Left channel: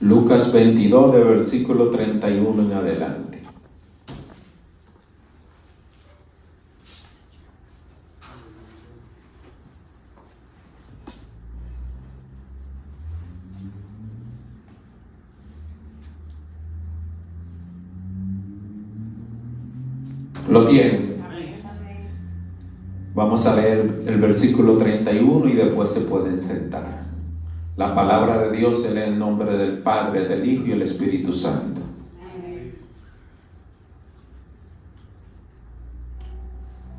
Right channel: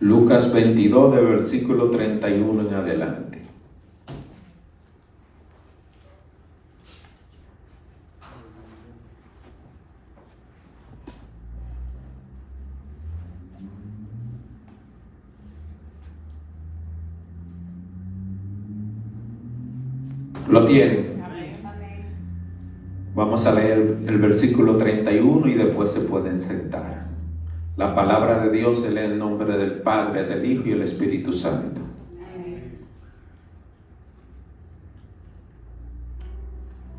Lucas 22, de versículo 31 en adelante. ¿Lo tienen? Vamos a leer el versículo 31 y después se pueden sentar. La palabra de Dios se lee en nombre del Padre, del Hijo y el Espíritu Santo.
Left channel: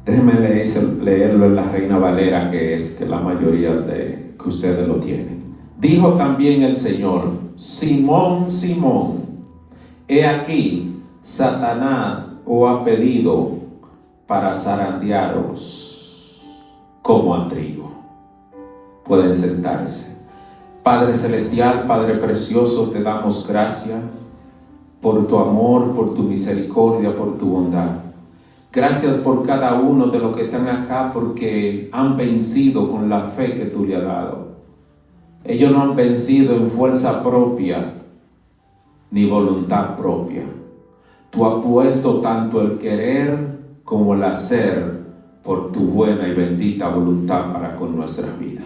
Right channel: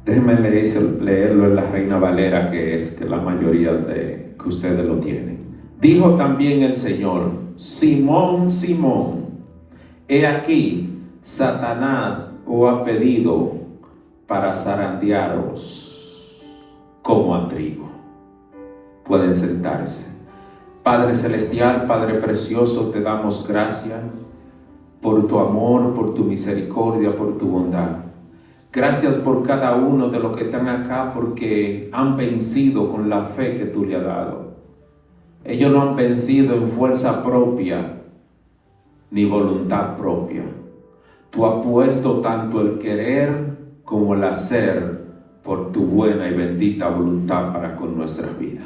Déjenme leerlo en la Reina Valera, que es que la mayoría de que ustedes lo tienen. Dijo también el Señor: Simón, Simón, he aquí, Satanás os ha pedido para zarandearos como a trigo. Pueden sentarse. Padre celestial, Padre precioso, te damos gracias por tu amor, por tu misericordia, por tu bondad. Gracias por cada uno de los que están acá, porque han vencido con la fe que tú le has dado. Ellos no han vencido en fuerza propia ni voluntad propia. Tú has puesto tanto el querer como el hacer por tu buena y bendita voluntad para con nuestra vida.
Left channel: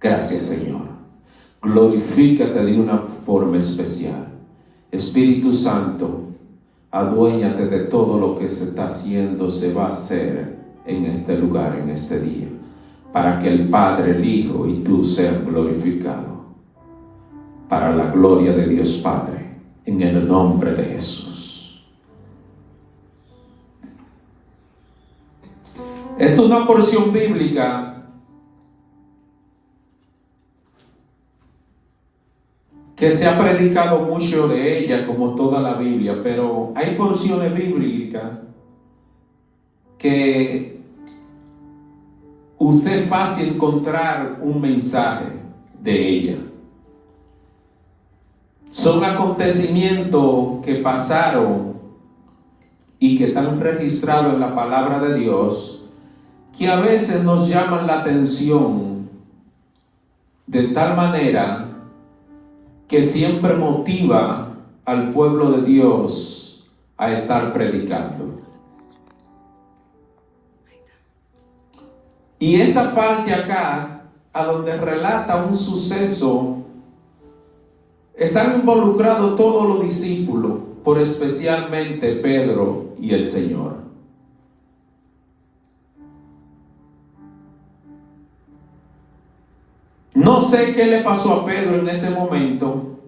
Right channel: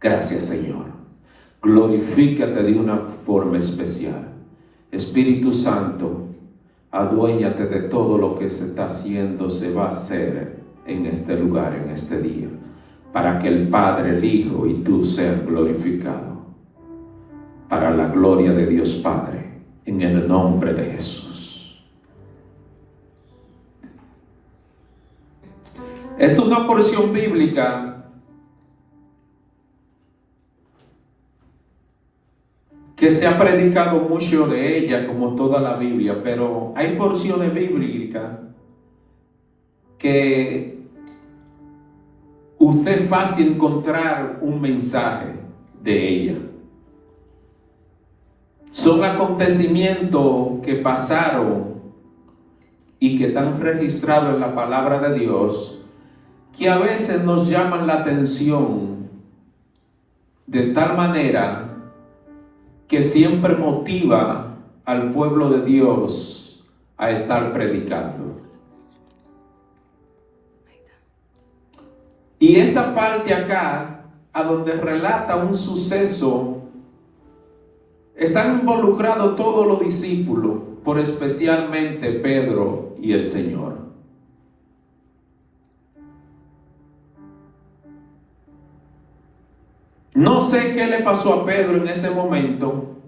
Gracias, Señor. Glorifícate de una forma especial. Espíritu Santo, aduéñate de todo lo que se está haciendo, se va a hacer en este lugar, en este día, para que el Padre, el Hijo y tú sean glorificados, para la gloria de Dios Padre, en el nombre de Jesús. Esta es una porción bíblica que se ha predicado mucho de ella, como toda la Biblia, pero hay porciones bíblicas que usted es fácil encontrar un mensaje de ella. Son acontecimientos que pasaron y que están registrados en la palabra de Dios, que a veces nos llaman la atención de tal manera que siempre motiva al pueblo de Dios a estar predicando. Y esta parte acá, a donde relata un suceso, están involucrados todos los discípulos, por especialmente Pedro y el Señor. No sé qué le pasó a Pedro en ese momento.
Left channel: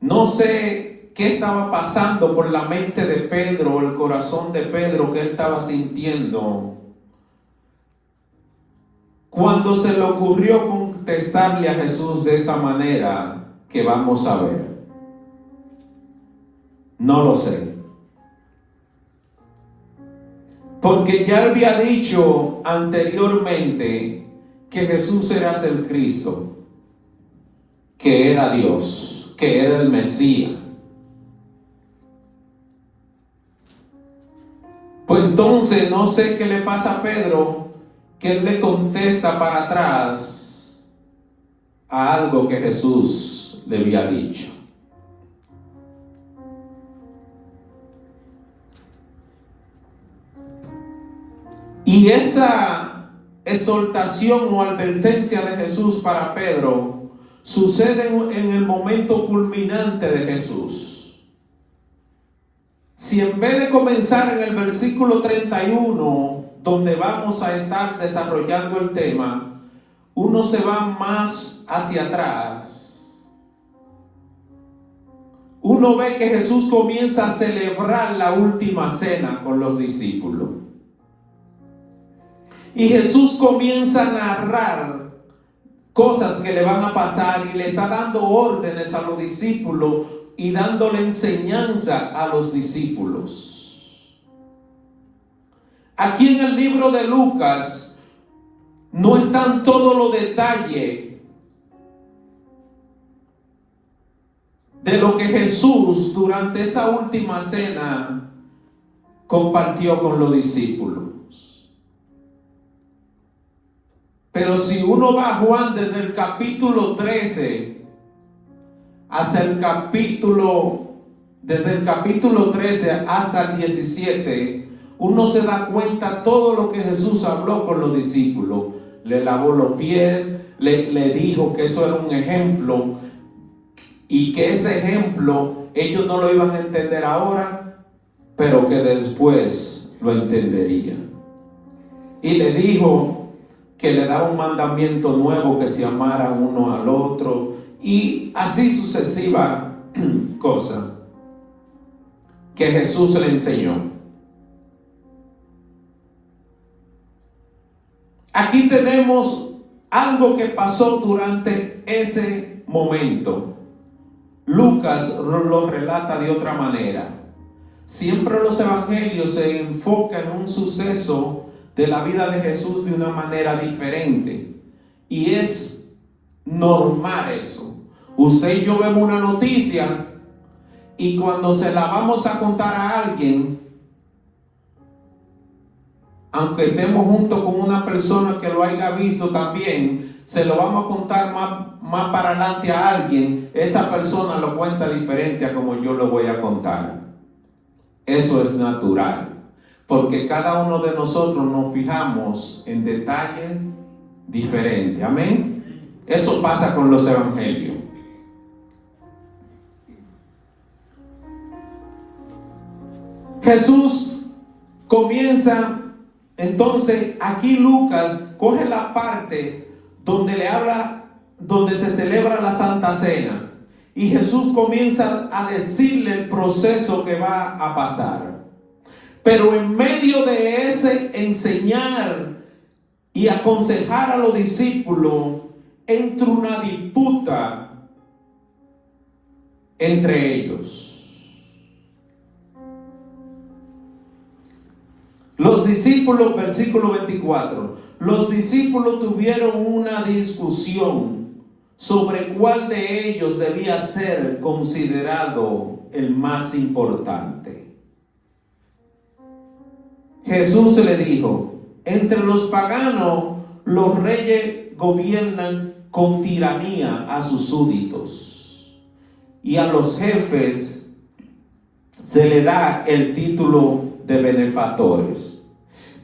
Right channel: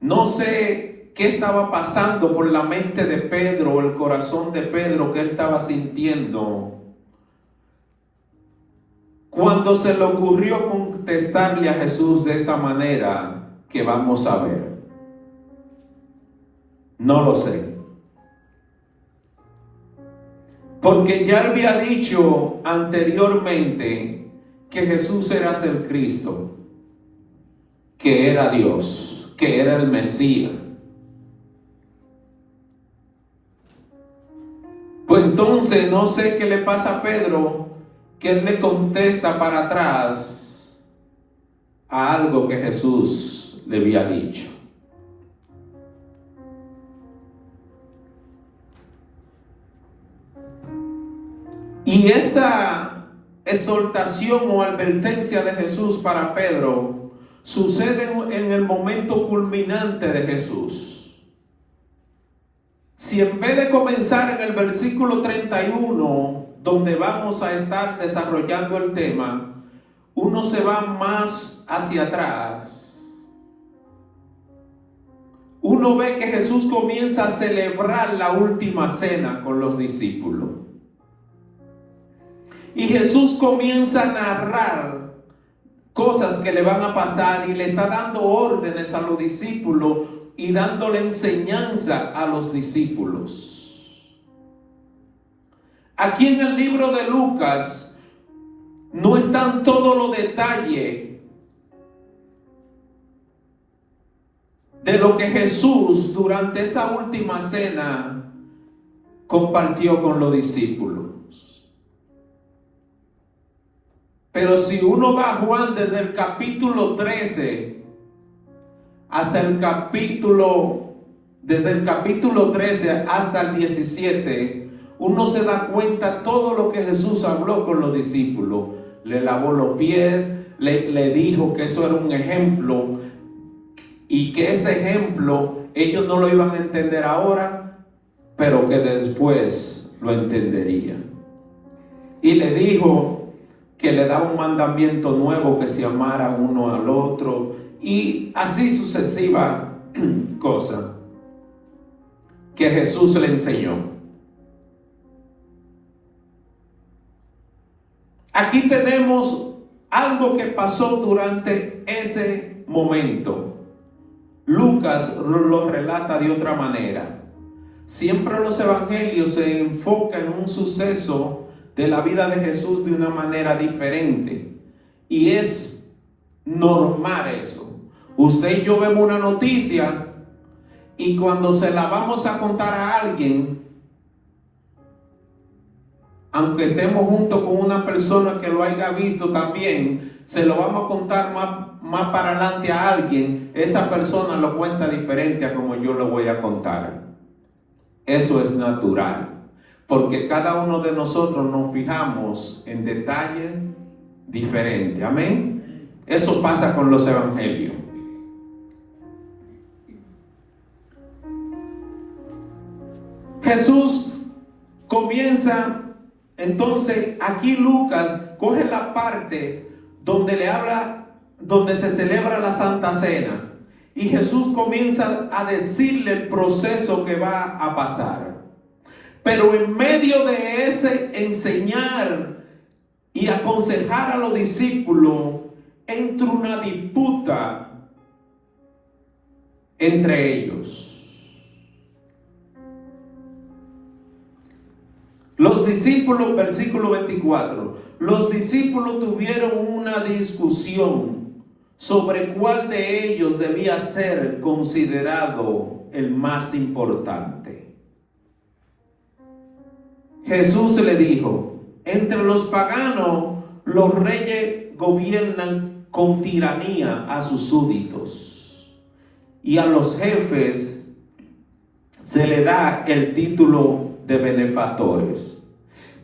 No sé qué estaba pasando por la mente de Pedro o el corazón de Pedro que él estaba sintiendo cuando se le ocurrió contestarle a Jesús de esta manera que vamos a ver. No lo sé. Porque ya había dicho anteriormente que Jesús era el Cristo, que era Dios, que era el Mesías. Pues entonces no sé qué le pasa a Pedro, que él le contesta para atrás a algo que Jesús le había dicho. Y esa exhortación o advertencia de Jesús para Pedro sucede en el momento culminante de Jesús. Si en vez de comenzar en el versículo 31, donde vamos a estar desarrollando el tema, uno se va más hacia atrás, uno ve que Jesús comienza a celebrar la última cena con los discípulos. Y Jesús comienza a narrar cosas que le van a pasar y le está dando órdenes a los discípulos y dándole enseñanza a los discípulos. Aquí en el libro de Lucas no están todos los detalles de lo que Jesús durante esa última cena compartió con los discípulos. Pero si uno va a Juan desde el capítulo 13 desde el capítulo 13 hasta el 17, uno se da cuenta todo lo que Jesús habló con los discípulos. Le lavó los pies, le dijo que eso era un ejemplo y que ese ejemplo ellos no lo iban a entender ahora, pero que después lo entenderían. Y le dijo que le da un mandamiento nuevo, que se amara uno al otro, y así sucesiva cosa que Jesús le enseñó. Aquí tenemos algo que pasó durante ese momento. Lucas lo relata de otra manera. Siempre los evangelios se enfocan en un suceso de la vida de Jesús de una manera diferente. Y es normal eso. Usted y yo vemos una noticia y cuando se la vamos a contar a alguien, aunque estemos juntos con una persona que lo haya visto también, se lo vamos a contar más para adelante a alguien, esa persona lo cuenta diferente a como yo lo voy a contar. Eso es natural, porque cada uno de nosotros nos fijamos en detalles diferentes. Amén. Eso pasa con los evangelios. Jesús comienza, entonces aquí Lucas coge la parte donde le habla, donde se celebra la Santa Cena, y Jesús comienza a decirle el proceso que va a pasar. Pero en medio de ese enseñar y aconsejar a los discípulos, entra una disputa entre ellos. Los discípulos, versículo 24, los discípulos tuvieron una discusión sobre cuál de ellos debía ser considerado el más importante. Jesús le dijo: entre los paganos, los reyes gobiernan con tiranía a sus súbditos, y a los jefes se le da el título de benefactores.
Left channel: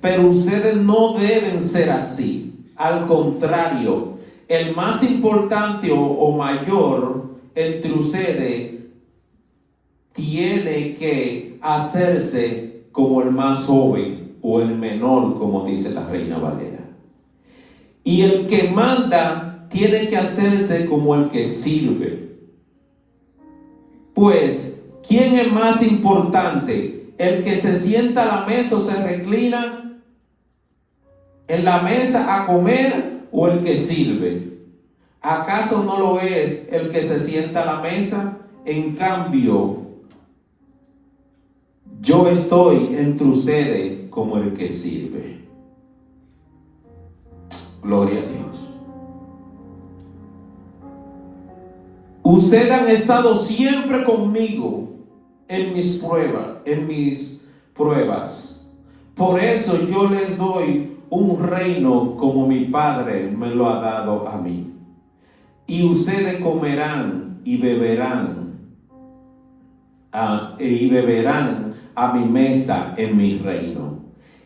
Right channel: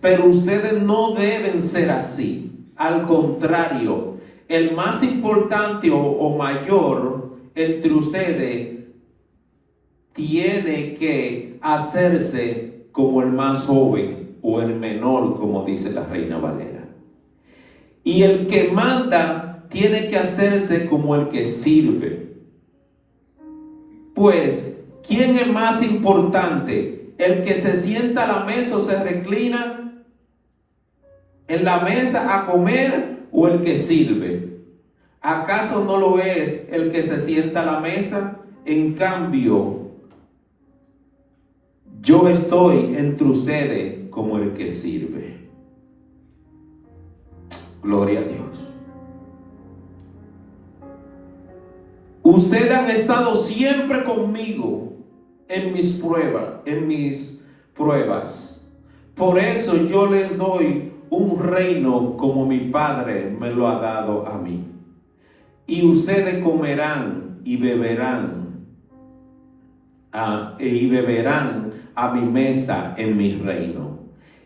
Pero ustedes no deben ser así. Al contrario, el más importante o mayor entre ustedes tiene que hacerse como el más joven o el menor, como dice la Reina Valera. Y el que manda tiene que hacerse como el que sirve. Pues, ¿quién es más importante? ¿El que se sienta a la mesa o se reclina en la mesa a comer, o el que sirve? ¿Acaso no lo es el que se sienta a la mesa? En cambio, yo estoy entre ustedes como el que sirve. Gloria a Dios. Ustedes han estado siempre conmigo en mis pruebas. Por eso yo les doy un reino como mi Padre me lo ha dado a mí. Y ustedes comerán y beberán a mi mesa en mi reino,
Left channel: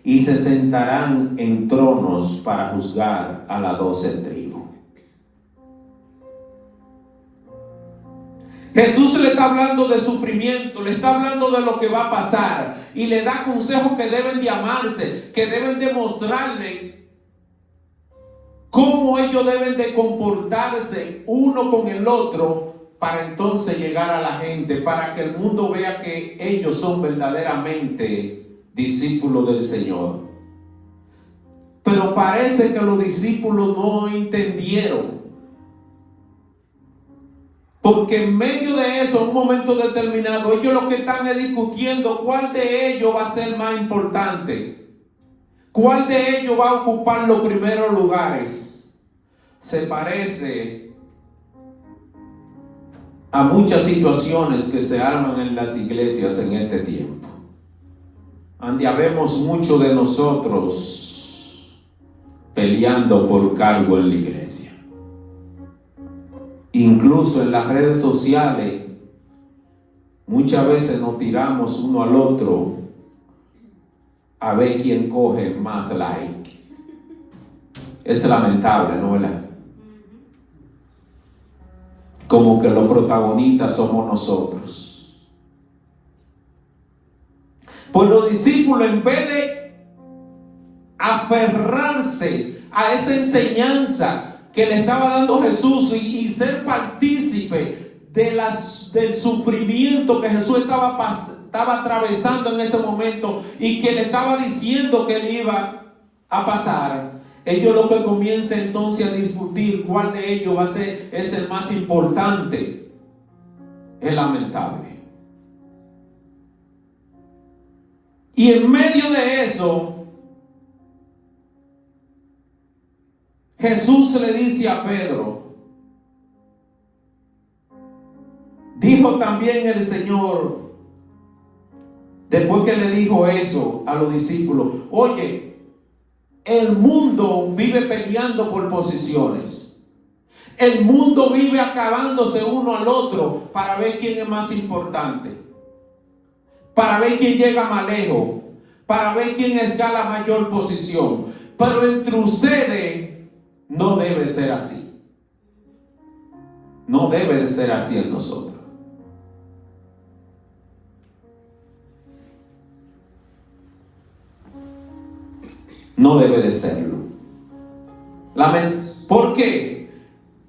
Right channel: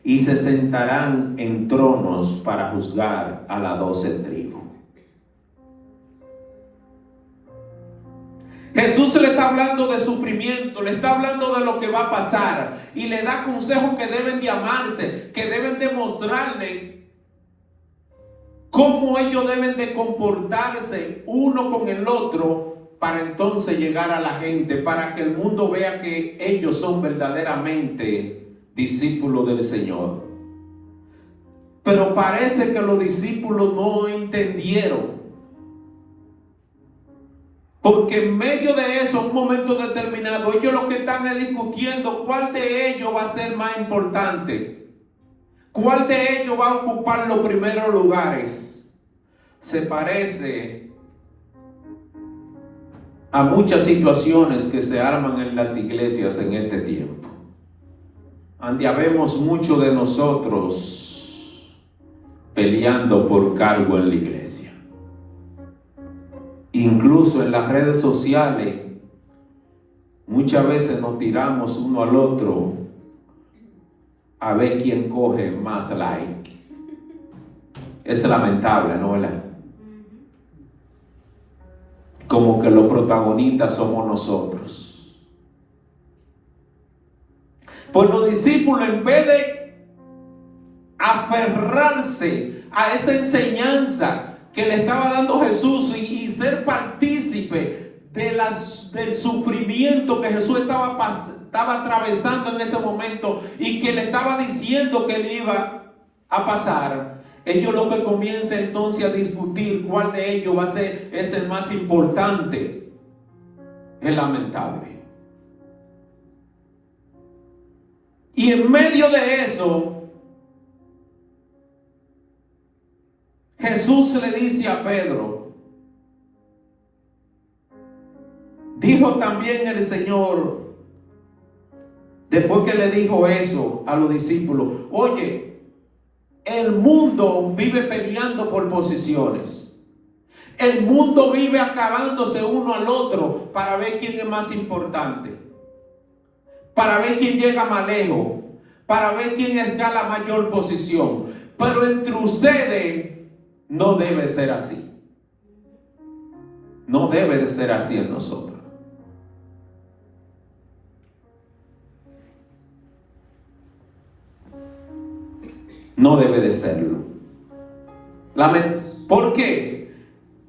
y se sentarán en tronos para juzgar a las 12 tribus. Jesús le está hablando de sufrimiento, le está hablando de lo que va a pasar, y le da consejos que deben de amarse, que deben de mostrarle cómo ellos deben de comportarse uno con el otro, para entonces llegar a la gente, para que el mundo vea que ellos son verdaderamente discípulos del Señor. Pero parece que los discípulos no entendieron. Porque en medio de eso, en un momento determinado, ellos lo que están es discutiendo cuál de ellos va a ser más importante, cuál de ellos va a ocupar los primeros lugares. Se parece a muchas situaciones que se arman en las iglesias en este tiempo, donde habemos muchos de nosotros peleando por cargo en la iglesia. Incluso en las redes sociales, muchas veces nos tiramos uno al otro a ver quién coge más like. Es lamentable, ¿no? ¿Verdad? Como que los protagonistas somos nosotros. Pues los discípulos, en vez de aferrarse a esa enseñanza que le estaba dando Jesús y ser partícipe del sufrimiento que Jesús estaba atravesando en ese momento y que le estaba diciendo que le iba a pasar, ellos lo que comienzan entonces a discutir cuál de ellos es el más importante. Es lamentable. Y en medio de eso, Jesús le dice a Pedro, dijo también el Señor, después que le dijo eso a los discípulos, oye, el mundo vive peleando por posiciones. El mundo vive acabándose uno al otro para ver quién es más importante, para ver quién llega más lejos, para ver quién escala mayor posición. Pero entre ustedes no debe ser así. No debe de ser así en nosotros. No debe de serlo. ¿Por qué?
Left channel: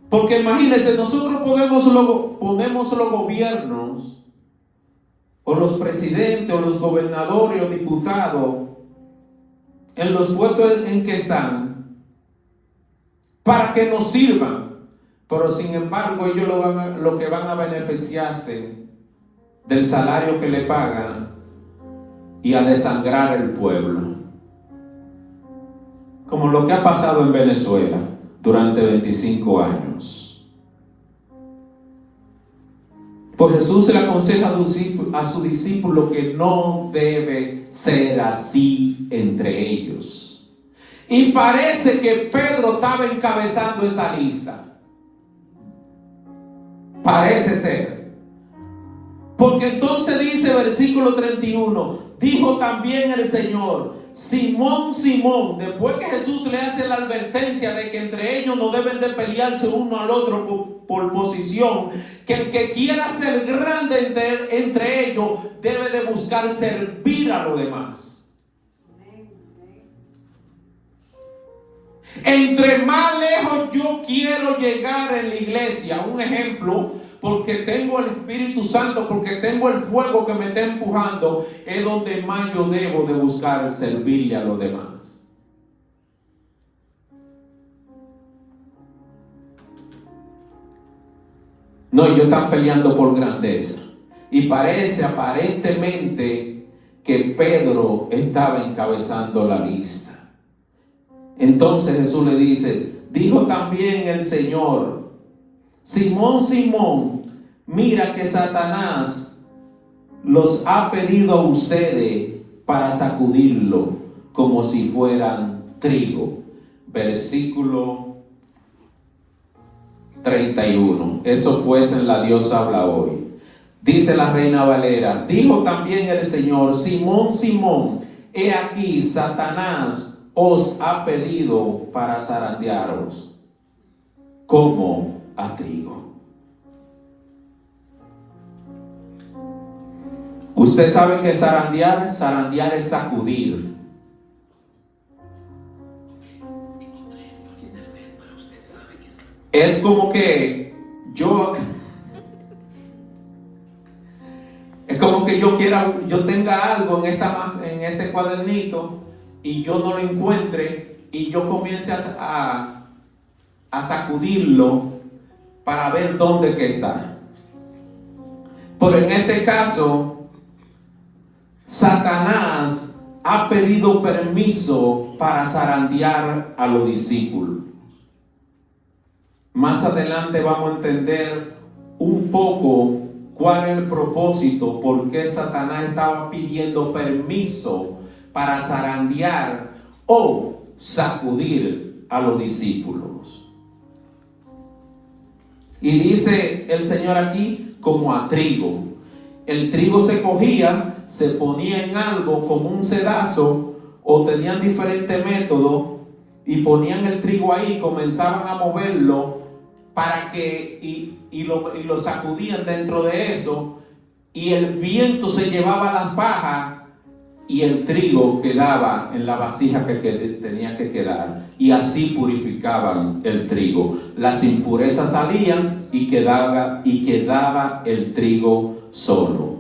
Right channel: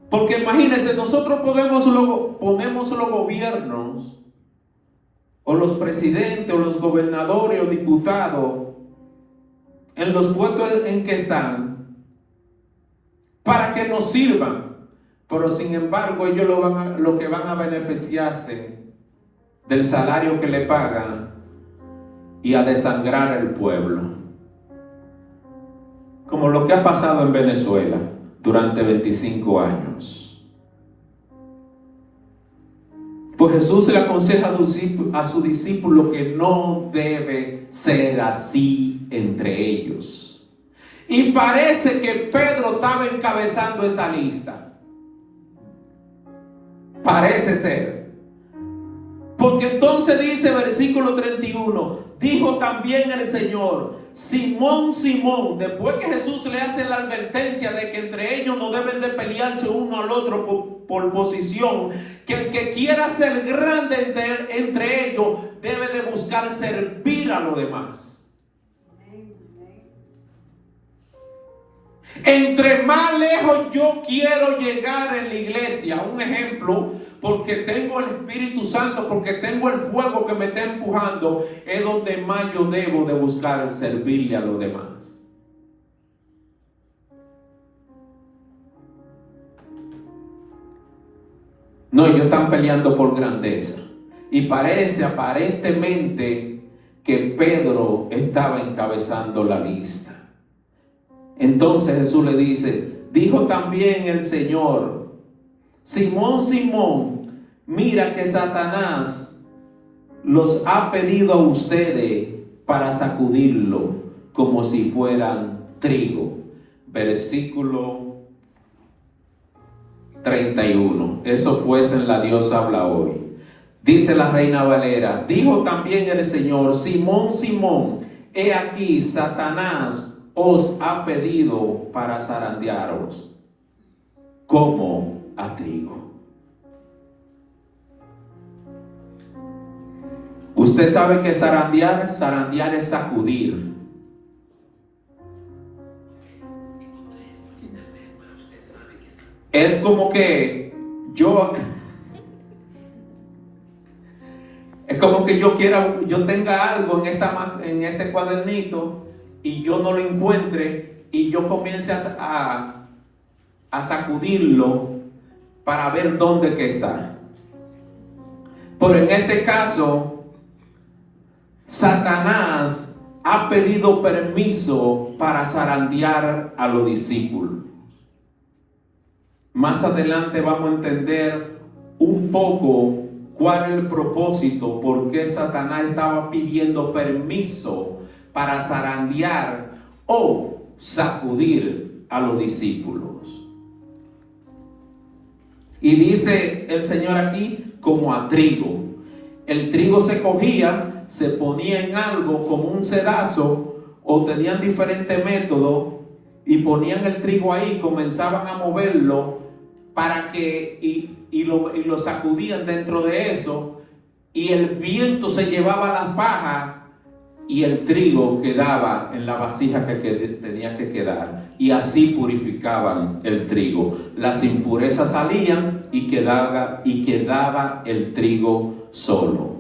Porque imagínense, nosotros ponemos los gobiernos, o los presidentes, o los gobernadores, o diputados, en los puestos en que están, para que nos sirvan. Pero sin embargo, ellos lo que van a beneficiarse del salario que le pagan y a desangrar el pueblo. Como lo que ha pasado en Venezuela durante 25 años. Pues Jesús le aconseja a su discípulo que no debe ser así entre ellos. Y parece que Pedro estaba encabezando esta lista. Parece ser. Porque entonces dice versículo 31, dijo también el Señor, Simón, Simón, después que Jesús le hace la advertencia de que entre ellos no deben de pelearse uno al otro por posición, que el que quiera ser grande entre ellos debe de buscar servir a los demás. Entre más lejos yo quiero llegar en la iglesia, un ejemplo, porque tengo el Espíritu Santo, porque tengo el fuego que me está empujando, es donde más yo debo de buscar servirle a los demás. No, ellos están peleando por grandeza. Y parece aparentemente que Pedro estaba encabezando la lista. Entonces Jesús le dice, dijo también el Señor, Simón, Simón, mira que Satanás los ha pedido a ustedes para sacudirlo como si fueran trigo. Versículo 31. Eso fue en La Dios habla hoy. Dice la Reina Valera, dijo también el Señor, Simón, Simón, he aquí Satanás os ha pedido para zarandearos como a trigo. Usted sabe que zarandear es sacudir. Es como que yo tenga algo en este cuadernito y yo no lo encuentre y yo comience a sacudirlo para ver dónde que está. Pero en este caso, Satanás ha pedido permiso para zarandear a los discípulos. Más adelante vamos a entender un poco cuál es el propósito, por qué Satanás estaba pidiendo permiso para zarandear o sacudir a los discípulos. Y dice el Señor aquí, como a trigo. El trigo se cogía, se ponía en algo como un sedazo, o tenían diferentes métodos, y ponían el trigo ahí, comenzaban a moverlo para que, y lo sacudían dentro de eso, y el viento se llevaba las pajas, y el trigo quedaba en la vasija que tenía que quedar, y así purificaban el trigo. Las impurezas salían y quedaba el trigo solo.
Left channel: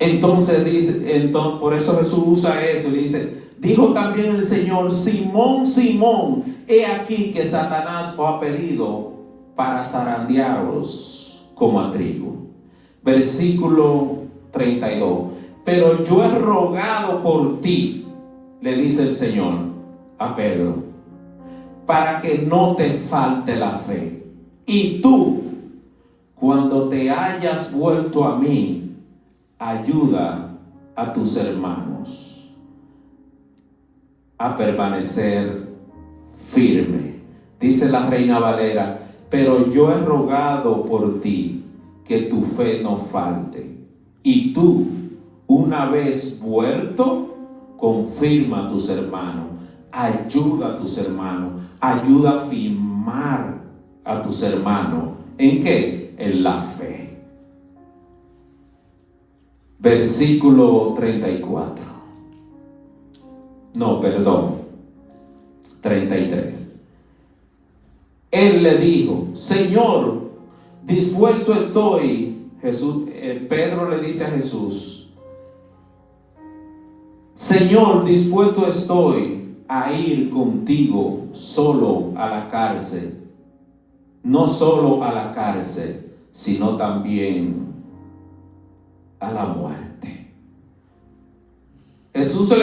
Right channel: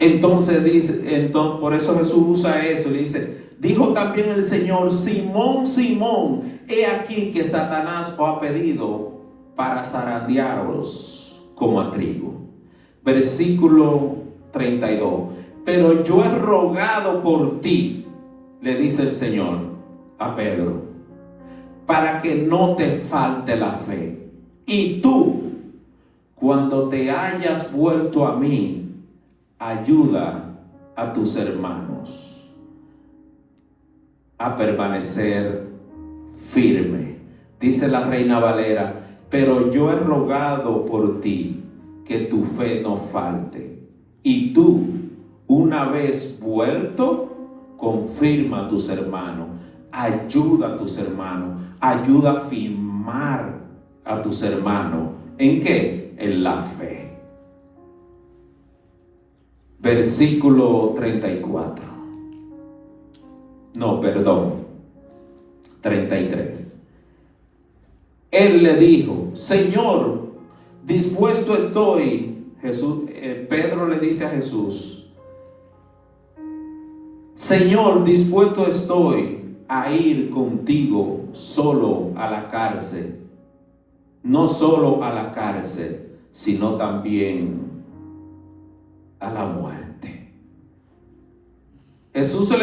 Entonces dice, por eso Jesús usa eso, dice: dijo también el Señor, Simón, Simón, he aquí que Satanás os ha pedido para zarandearos como a trigo. Versículo 32. Pero yo he rogado por ti, le dice el Señor a Pedro, para que no te falte la fe. Y tú, cuando te hayas vuelto a mí, ayuda a tus hermanos a permanecer firme. Dice la Reina Valera: pero yo he rogado por ti que tu fe no falte. Y tú, una vez vuelto, confirma a tus hermanos, ayuda a tus hermanos, ayuda a firmar a tus hermanos. ¿En qué? En la fe. Versículo 34. No, perdón. 33. Él le dijo: Señor, dispuesto estoy. Pedro le dice a Jesús: Señor, dispuesto estoy a ir contigo solo a la cárcel. No solo a la cárcel, sino también a la muerte. Jesús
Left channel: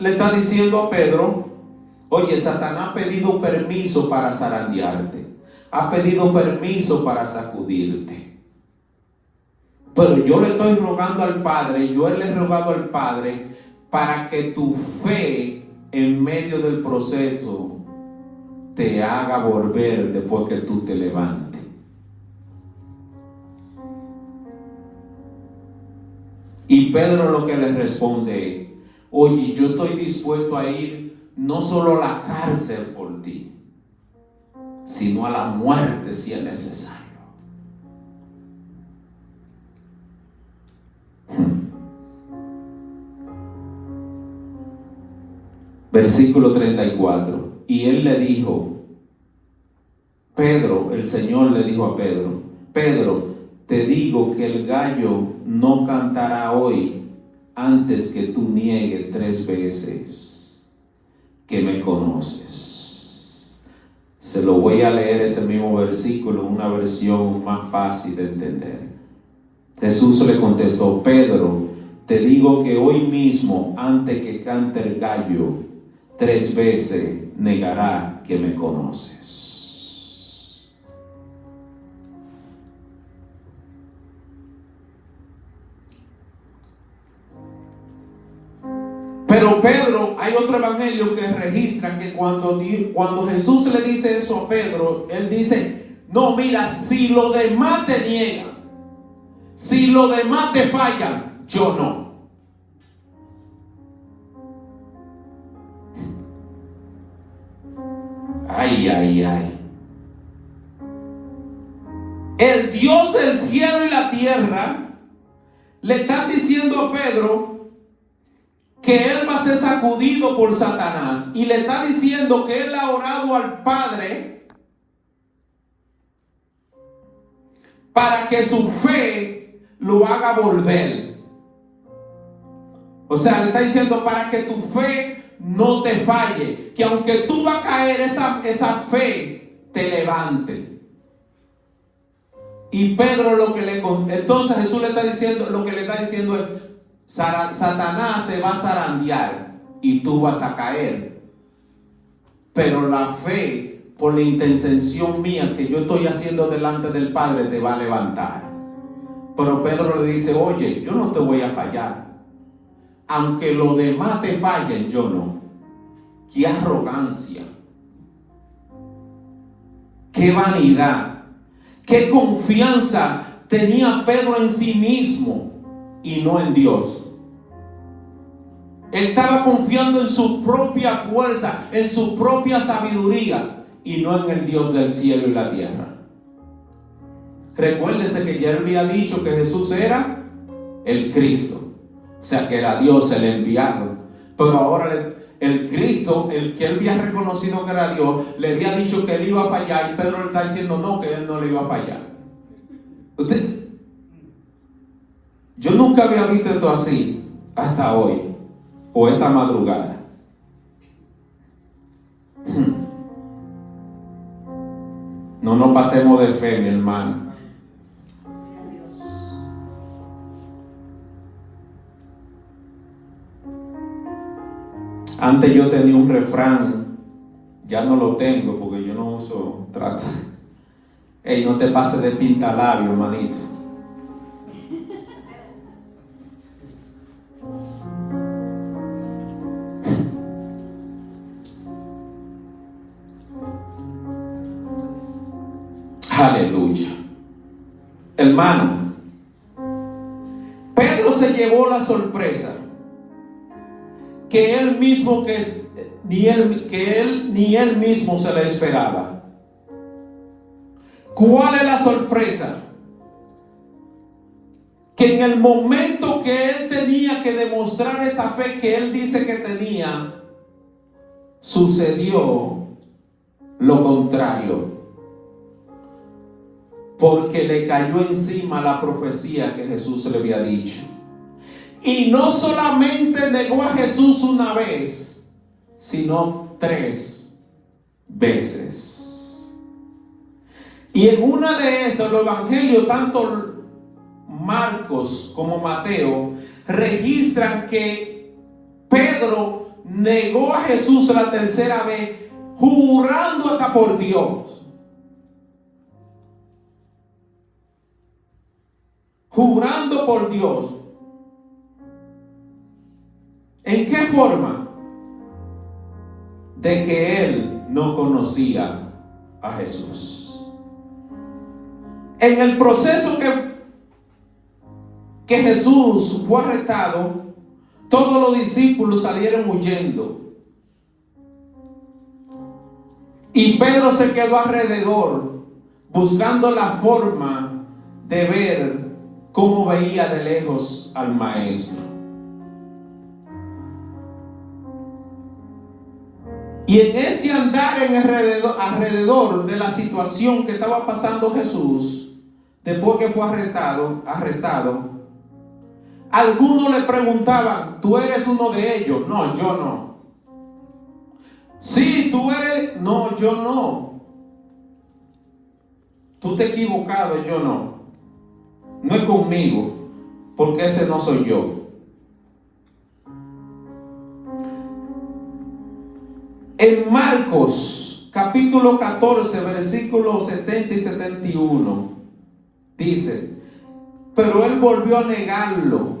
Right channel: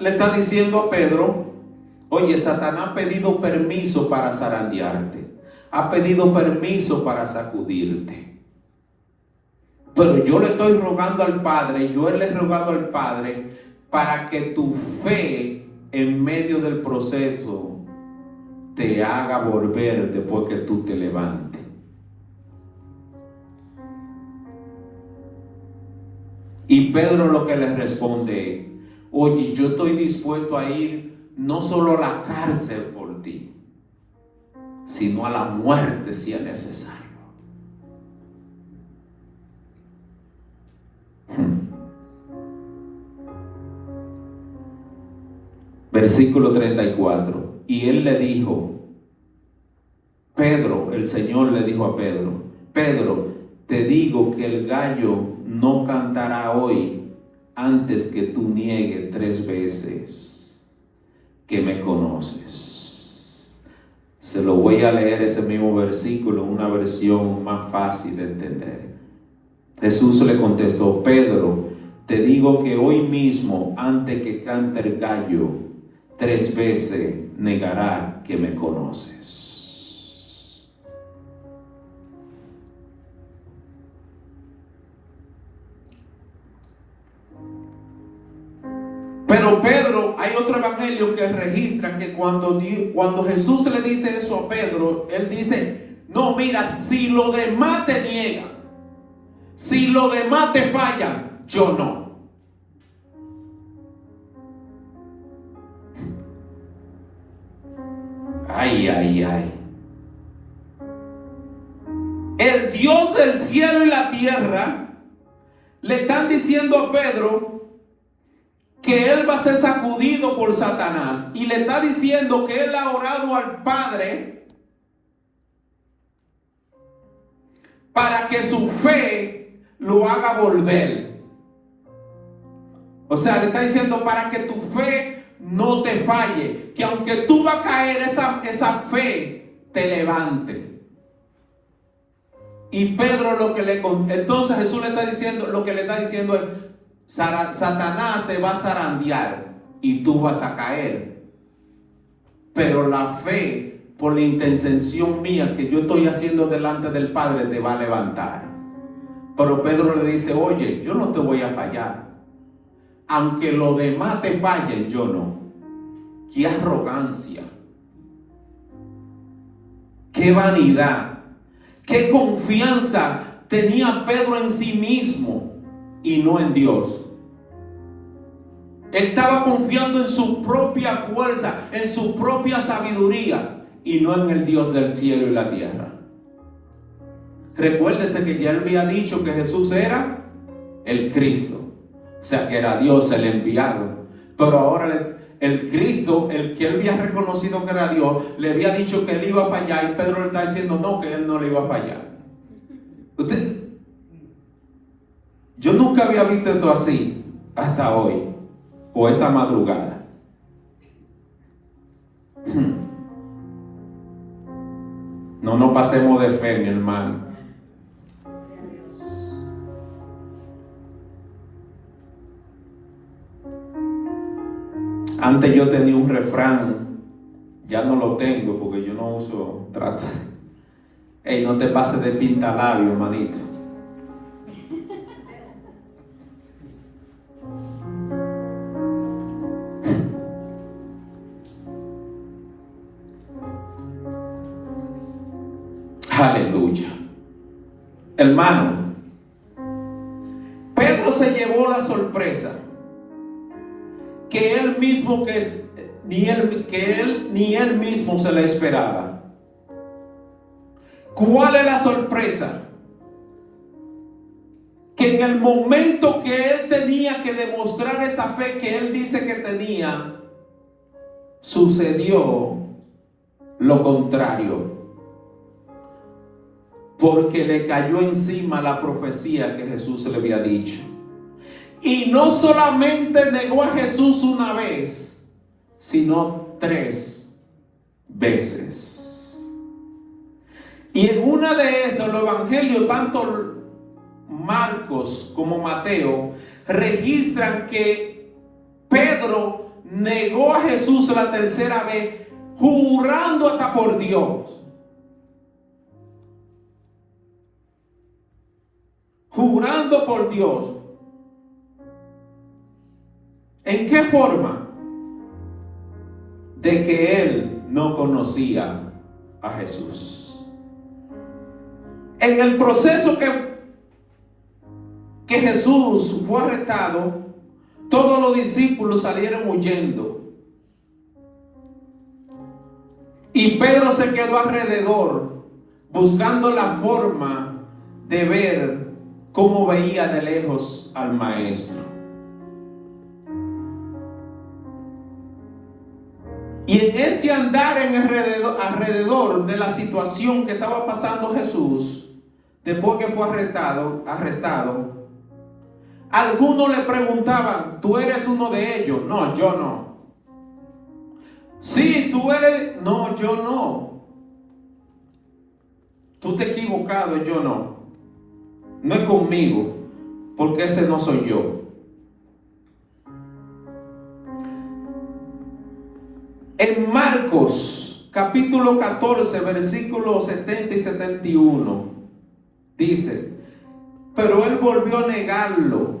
le está diciendo a Pedro: oye, Satanás ha pedido permiso para zarandearte, ha pedido permiso para sacudirte, pero yo le estoy rogando al Padre, yo le he rogado al Padre para que tu fe en medio del proceso te haga volver después que tú te levantes. Y Pedro lo que le responde: oye, yo estoy dispuesto a ir no solo a la cárcel por ti, sino a la muerte si es necesario. Versículo 34. Y él le dijo, Pedro, el Señor le dijo a Pedro: Pedro, te digo que el gallo no cantará hoy antes que tú niegues 3 veces que me conoces. Se lo voy a leer ese mismo versículo en una versión más fácil de entender. Jesús le contestó: Pedro, te digo que hoy mismo, antes que cante el gallo, 3 veces negará que me conoces. Pero Pedro, hay otro evangelio que registra que cuando Jesús le dice eso a Pedro, él dice: no, mira, si los demás te niegan, si los demás te fallan, yo no. Ay, ay, ay. El Dios del cielo y la tierra le están diciendo a Pedro que él va a ser sacudido por Satanás, y le está diciendo que él ha orado al Padre para que su fe lo haga volver. O sea, le está diciendo para que tu fe no te falle, que aunque tú vas a caer, esa fe te levante. Y Pedro entonces Jesús le está diciendo, lo que le está diciendo es: Satanás te va a zarandear y tú vas a caer, pero la fe, por la intercesión mía que yo estoy haciendo delante del Padre, te va a levantar. Pero Pedro le dice: oye, yo no te voy a fallar, aunque los demás te fallen, yo no. Qué arrogancia, qué vanidad, qué confianza tenía Pedro en sí mismo y no en Dios. Él estaba confiando en su propia fuerza, en su propia sabiduría y no en el Dios del cielo y la tierra. Recuérdese que ya él había dicho que Jesús era el Cristo, o sea que era Dios, el enviado. Pero ahora el Cristo, el que él había reconocido que era Dios, le había dicho que él iba a fallar, y Pedro le está diciendo no, que él no le iba a fallar. Yo nunca había visto eso así hasta hoy o esta madrugada. No nos pasemos de fe, mi hermano. Antes yo tenía un refrán, ya no lo tengo porque yo no uso trato. Ey, no te pases de pintalabio, hermanito. Aleluya. Hermano, Pedro se llevó la sorpresa que él mismo ni él mismo se le esperaba. ¿Cuál es la sorpresa? Que en el momento que él tenía que demostrar esa fe que él dice que tenía, sucedió lo contrario. Porque le cayó encima la profecía que Jesús le había dicho. Y no solamente negó a Jesús una vez, sino 3 veces. Y en una de esas, los evangelios, tanto Marcos como Mateo, registran que Pedro negó a Jesús la 3ª vez, jurando hasta por Dios. Jurando por Dios. ¿En qué forma? De que él no conocía a Jesús. En el proceso que Jesús fue arrestado, todos los discípulos salieron huyendo. Y Pedro se quedó alrededor, buscando la forma de ver cómo veía de lejos al maestro. Y en ese andar alrededor de la situación que estaba pasando Jesús, después que fue arrestado, algunos le preguntaban, ¿tú eres uno de ellos? No, yo no. Sí, tú eres. No, yo no. Tú te has equivocado, yo no. No es conmigo, porque ese no soy yo. En Marcos capítulo 14 versículos 70 y 71 dice: pero él volvió a negarlo.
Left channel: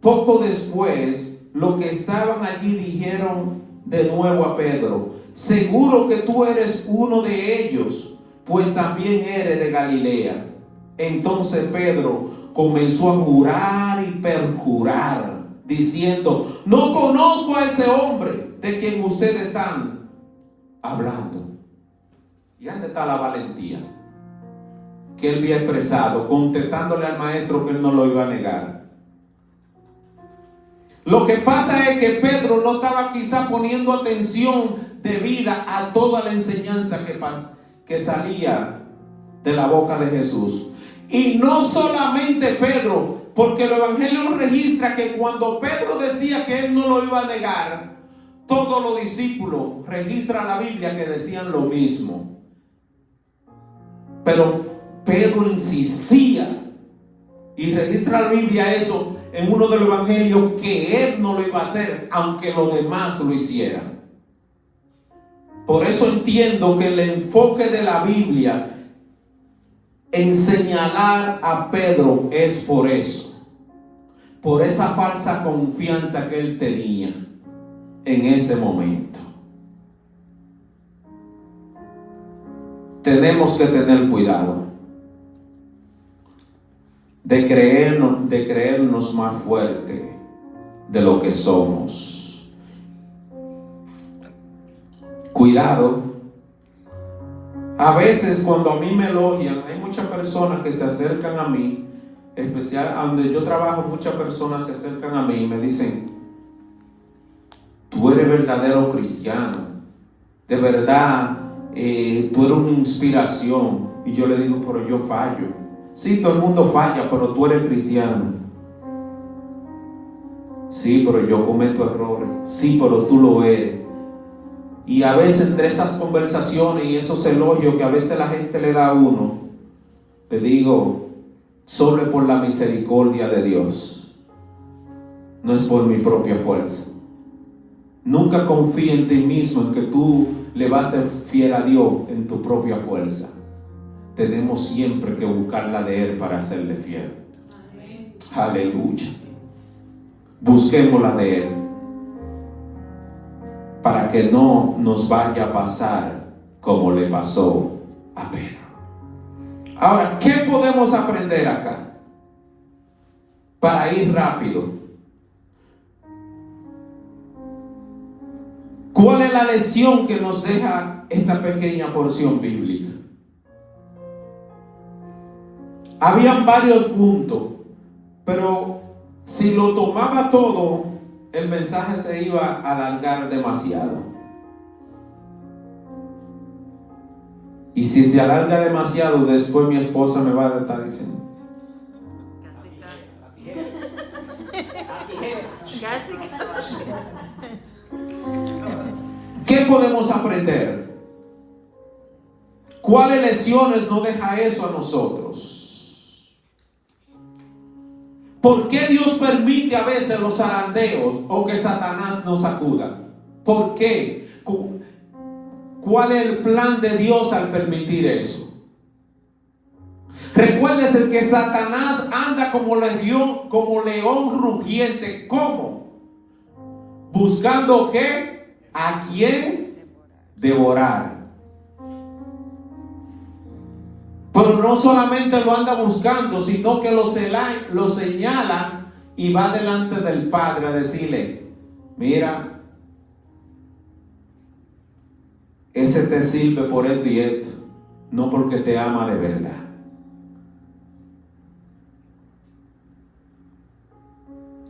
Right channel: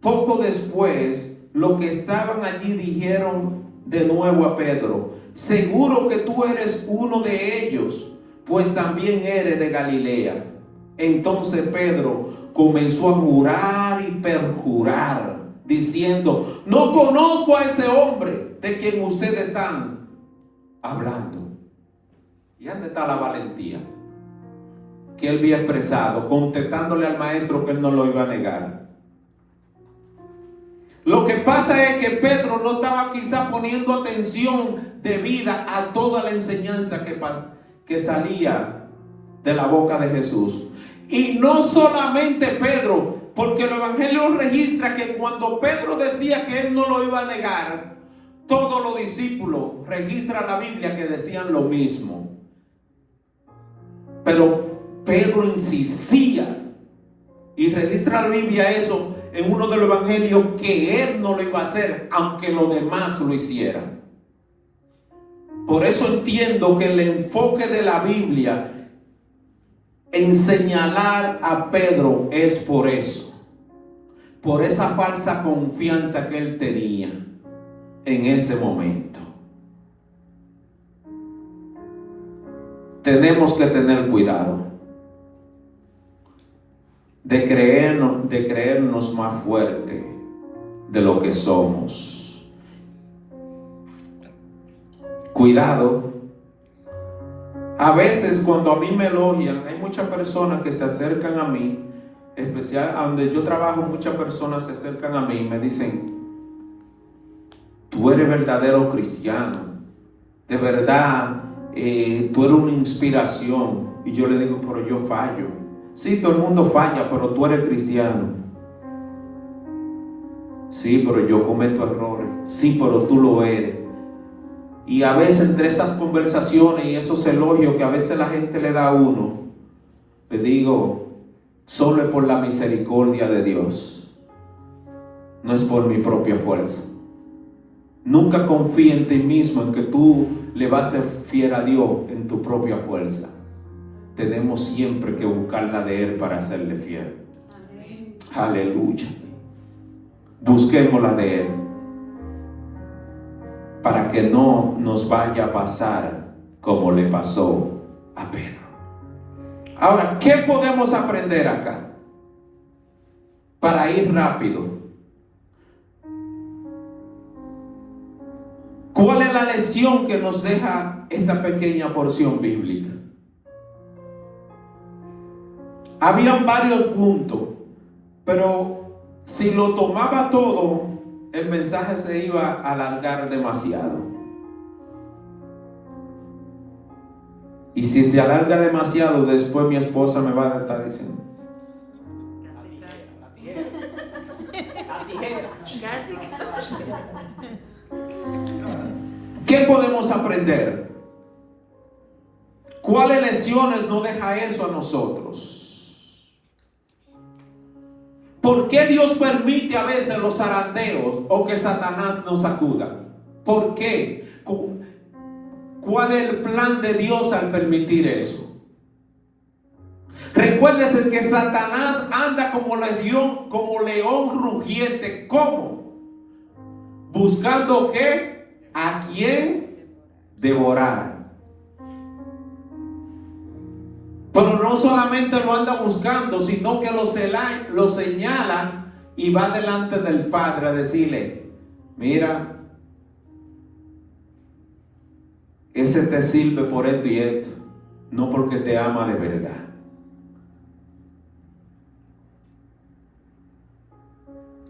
Poco después, los que estaban allí dijeron de nuevo a Pedro: seguro que tú eres uno de ellos, pues también eres de Galilea. Entonces Pedro comenzó a jurar y perjurar, diciendo: no conozco a ese hombre de quien ustedes están hablando. ¿Y dónde está la valentía que él había expresado, contestándole al maestro que él no lo iba a negar? Lo que pasa es que Pedro no estaba quizá poniendo atención debida a toda la enseñanza que salía de la boca de Jesús. Y no solamente Pedro, porque el evangelio registra que cuando Pedro decía que él no lo iba a negar, todos los discípulos, registra la Biblia, que decían lo mismo. Pero Pedro insistía, y registra la Biblia eso en uno de los evangelios, que él no lo iba a hacer aunque los demás lo hicieran. Por eso entiendo que el enfoque de la Biblia en señalar a Pedro es por eso, por esa falsa confianza que él tenía en ese momento. tenemos que tener cuidado de creernos más fuerte de lo que somos. Cuidado. A veces cuando a mí me elogian, hay muchas personas que se acercan a mí, especial a donde yo trabajo, muchas personas se acercan a mí y me dicen: tú eres verdadero cristiano, de verdad, tú eres una inspiración. Y yo le digo: pero yo fallo. Sí, todo el mundo falla, pero tú eres cristiano. Sí, pero yo cometo errores. Sí, pero tú lo eres. Y a veces entre esas conversaciones y esos elogios que a veces la gente le da a uno, le digo: solo es por la misericordia de Dios, no es por mi propia fuerza. Nunca confía en ti mismo, en que tú le vas a ser fiel a Dios en tu propia fuerza. Tenemos siempre que buscar la de Él para serle fiel. Amén. Aleluya. Busquemos la de Él, para que no nos vaya a pasar como le pasó a Pedro. Ahora, ¿qué podemos aprender acá? Para ir rápido. ¿Cuál es la lección que nos deja esta pequeña porción bíblica? Habían varios puntos, pero si lo tomaba todo, el mensaje se iba a alargar demasiado. Y si se alarga demasiado, después mi esposa me va a estar diciendo: ¿qué podemos aprender? ¿Cuáles lecciones nos deja eso a nosotros? ¿Por qué Dios permite a veces los zarandeos o que Satanás nos sacuda? ¿Por qué? ¿Cuál es el plan de Dios al permitir eso? Recuérdese que Satanás anda como león rugiente. ¿Cómo? Buscando ¿qué? ¿A quién devorar? Pero no solamente lo anda buscando, sino que lo señala y va delante del Padre a decirle: mira, ese te sirve por esto y esto, no porque te ama de verdad.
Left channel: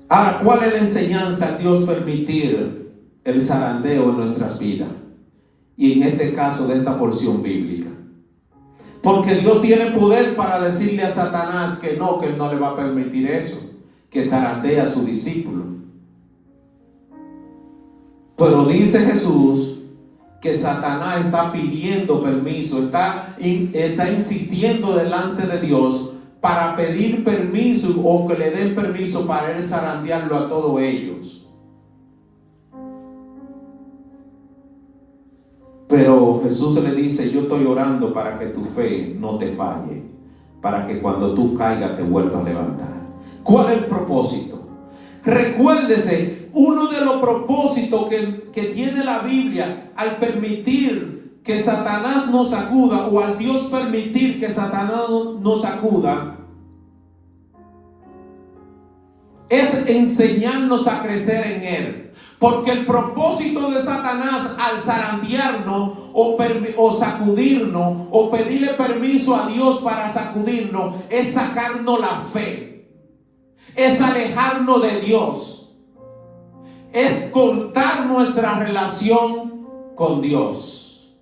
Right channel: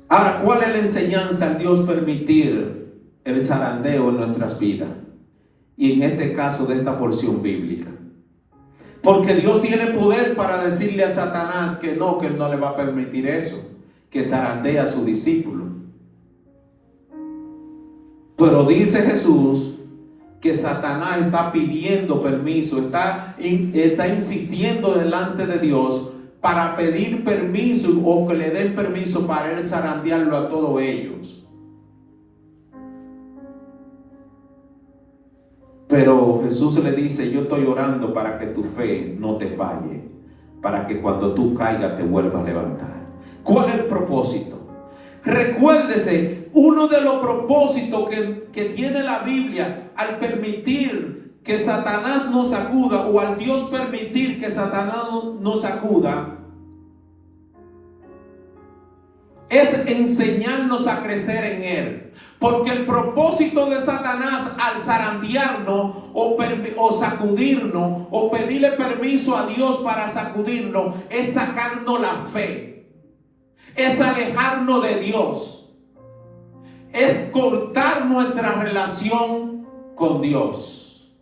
Ahora, ¿cuál es la enseñanza al Dios permitir el zarandeo en nuestras vidas? Y en este caso de esta porción bíblica. Porque Dios tiene poder para decirle a Satanás que Él no le va a permitir eso, que zarandee a su discípulo. Pero dice Jesús que Satanás está pidiendo permiso, está insistiendo delante de Dios para pedir permiso o que le den permiso para él zarandearlo a todos ellos. Pero Jesús le dice: yo estoy orando para que tu fe no te falle, para que cuando tú caigas te vuelvas a levantar. ¿Cuál es el propósito? Recuérdese, uno de los propósitos que tiene la Biblia al permitir que Satanás nos sacuda, o al Dios permitir que Satanás nos sacuda, es enseñarnos a crecer en Él. Porque el propósito de Satanás al zarandearnos o sacudirnos o pedirle permiso a Dios para sacudirnos es sacarnos la fe, es alejarnos de Dios, es cortar nuestra relación con Dios.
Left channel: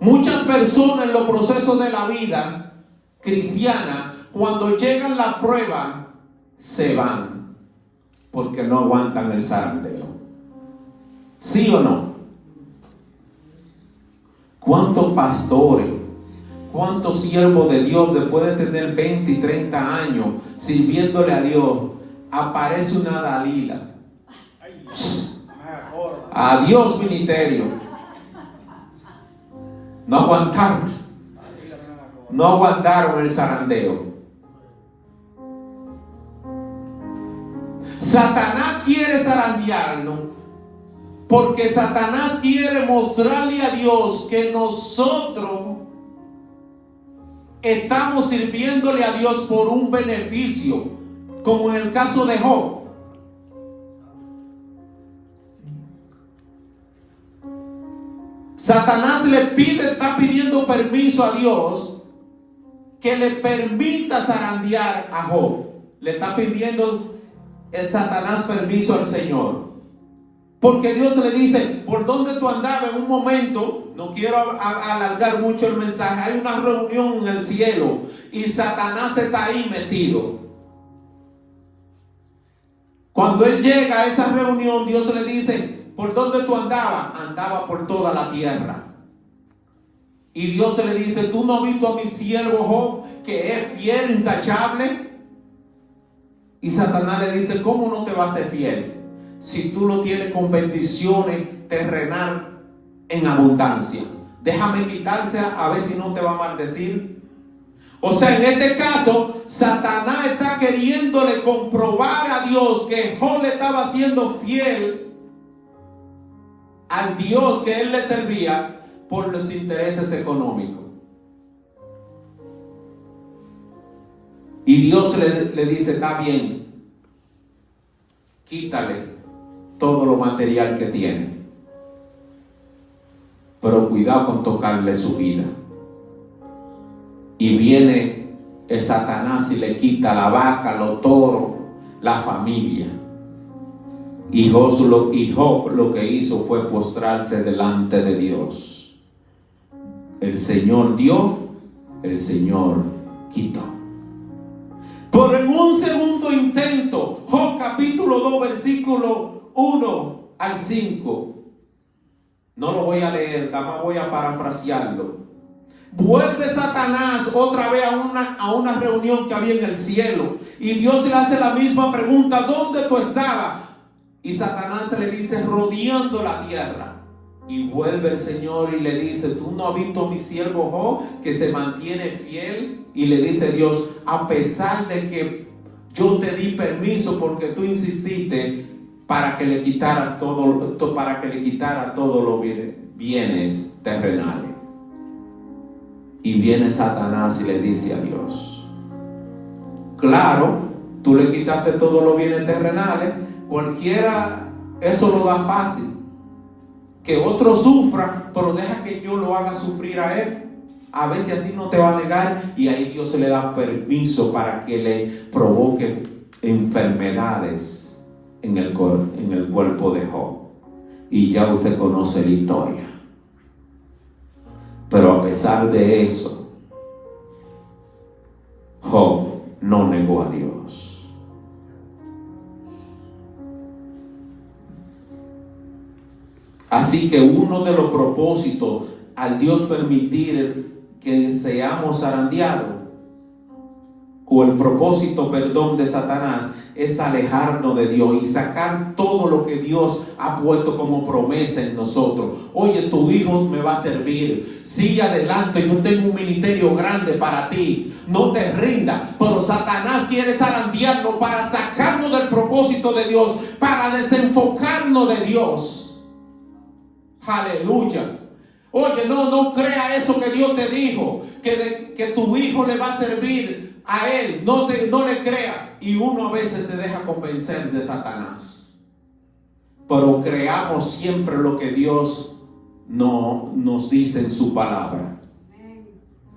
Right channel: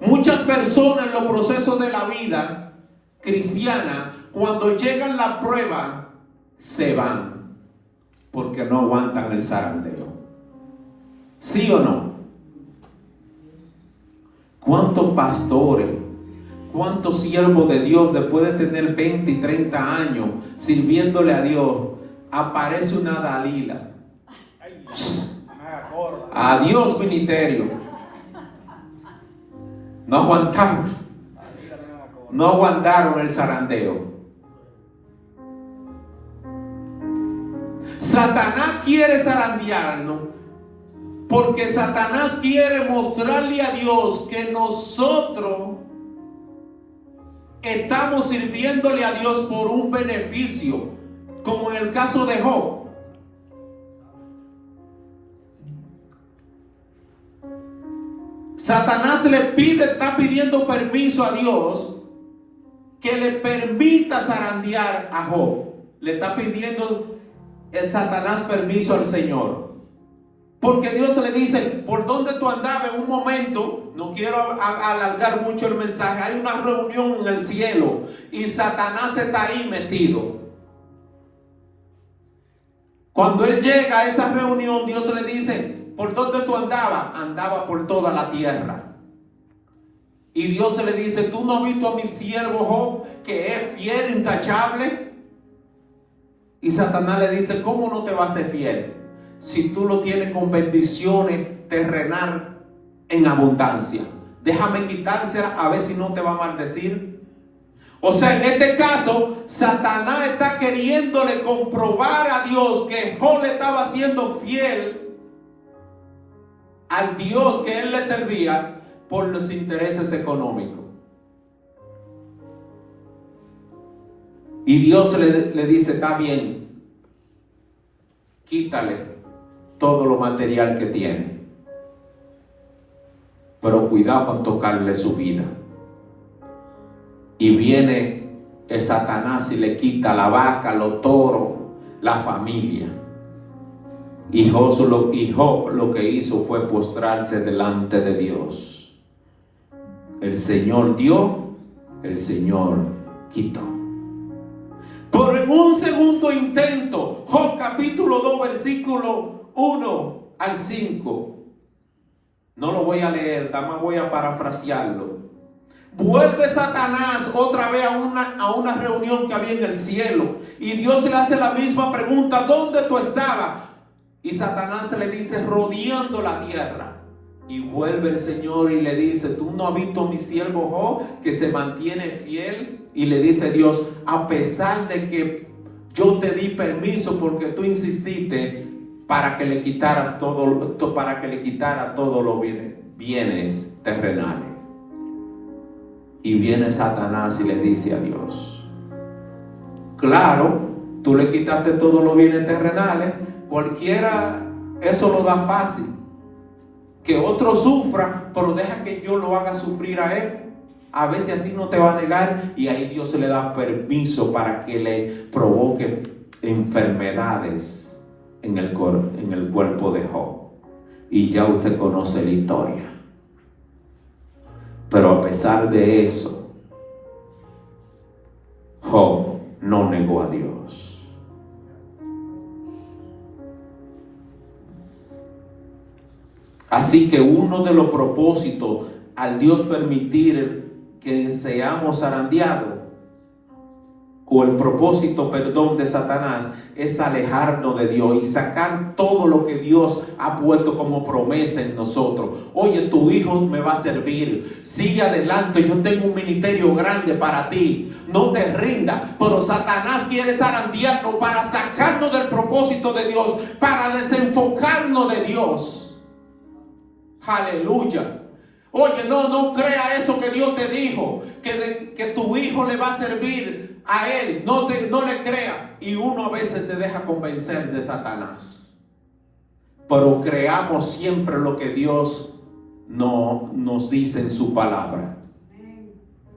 Muchas personas en los procesos de la vida cristiana, cuando llegan la prueba, se van porque no aguantan el zarandeo. ¿Sí o no? ¿Cuántos pastores, cuántos siervos de Dios, después de tener 20 y 30 años sirviéndole a Dios, aparece una Dalila? Adiós ministerio. No aguantaron el zarandeo. Satanás quiere zarandearnos Porque Satanás quiere mostrarle a Dios que nosotros estamos sirviéndole a Dios por un beneficio, como en el caso de Job. Satanás está pidiendo permiso a Dios que le permita zarandear a Job. Le está pidiendo el Satanás permiso al Señor. Porque Dios le dice, ¿por dónde tú andabas? En un momento, no quiero alargar mucho el mensaje, hay una reunión en el cielo y Satanás está ahí metido. Cuando él llega a esa reunión, Dios le dice, ¿por dónde tú andabas? Andaba por toda la tierra. Y Dios le dice, ¿tú no has visto a mi siervo Job, que es fiel, intachable? Y Satanás le dice, ¿cómo no te va a ser fiel? Si tú lo tienes con bendiciones terrenal en abundancia. Déjame quitársela a ver si no te va a maldecir. O sea, en este caso, Satanás está queriéndole comprobar a Dios que Job le estaba siendo fiel al Dios que él le servía por los intereses económicos. Y Dios le dice, está bien, quítale todo lo material que tiene, pero cuidado con tocarle su vida. Y viene el Satanás y le quita la vaca, los toros, la familia. Y Job lo que hizo fue postrarse delante de Dios. El Señor dio, el Señor quitó. Por en un segundo intento, Job capítulo 2, versículo 1 al 5. No lo voy a leer, nada más voy a parafrasearlo. Vuelve Satanás otra vez a una reunión que había en el cielo. Y Dios le hace la misma pregunta, ¿dónde tú estabas? Y Satanás se le dice, rodeando la tierra. Y vuelve el Señor y le dice, ¿tú no has visto a mi siervo Job, que se mantiene fiel? Y le dice Dios, a pesar de que yo te di permiso porque tú insististe para que le quitaras para que le quitara todos los bienes terrenales. Y viene Satanás y le dice a Dios, claro, tú le quitaste todos los bienes terrenales, cualquiera eso lo da fácil. Que otro sufra, pero deja que yo lo haga sufrir a él. A ver si así no te va a negar. Y ahí Dios se le da permiso para que le provoque enfermedades en el cuerpo de Job. Y ya usted conoce la historia. Pero a pesar de eso, Job no negó a Dios. Así que uno de los propósitos al Dios permitir que seamos zarandeados, o el propósito, perdón, de Satanás, es alejarnos de Dios y sacar todo lo que Dios ha puesto como promesa en nosotros. Oye, tu hijo me va a servir, sigue adelante, yo tengo un ministerio grande para ti, no te rindas. Pero Satanás quiere zarandearnos para sacarnos del propósito de Dios, para desenfocarnos de Dios. Aleluya. Oye, no crea eso que Dios te dijo, que tu hijo le va a servir a él. No le crea. Y uno a veces se deja convencer de Satanás. Pero creamos siempre lo que Dios no nos dice en su palabra.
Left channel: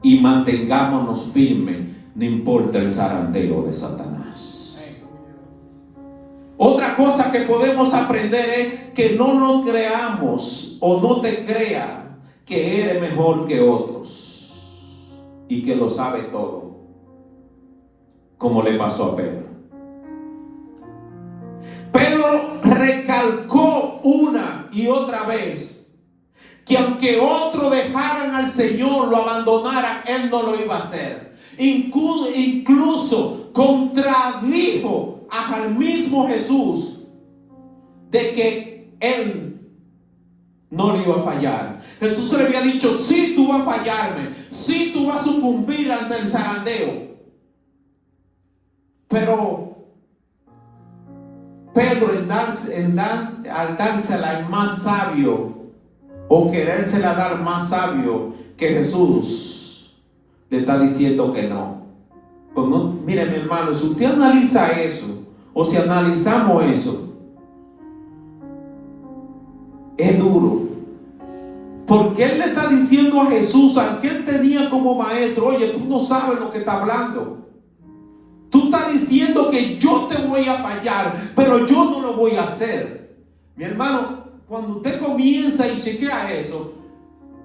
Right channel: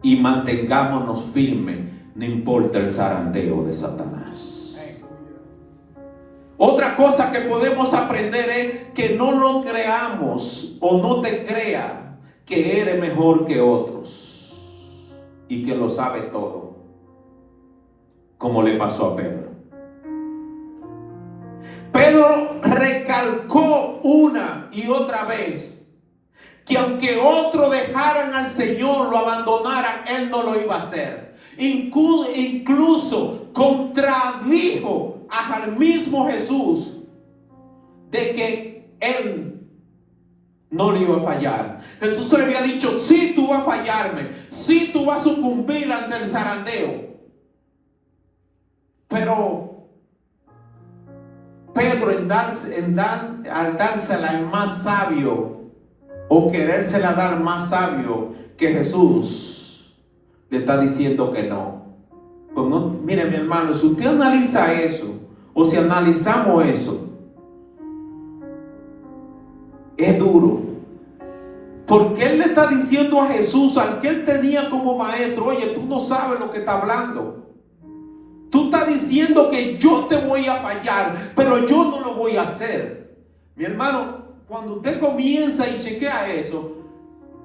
Y mantengámonos firmes, no importa el zarandeo de Satanás. Otra cosa que podemos aprender es que no nos creamos o no te creas que eres mejor que otros y que lo sabe todo, como le pasó a Pedro. Pedro recalcó una y otra vez que aunque otros dejaran al Señor, lo abandonaran, él no lo iba a hacer. Incluso contradijo al mismo Jesús de que él no le iba a fallar. Jesús le había dicho, sí, tú vas a fallarme, sí, tú vas a sucumbir ante el zarandeo, pero Pedro al dársela al más sabio, o querérsela dar más sabio que Jesús, le está diciendo que no. Pues no, mire mi hermano, si usted analiza eso, o si analizamos eso, es duro. Porque él le está diciendo a Jesús, al que él tenía como maestro: oye, tú no sabes lo que está hablando. Tú estás diciendo que yo te voy a fallar, pero yo no lo voy a hacer. Mi hermano, cuando usted comienza y chequea eso,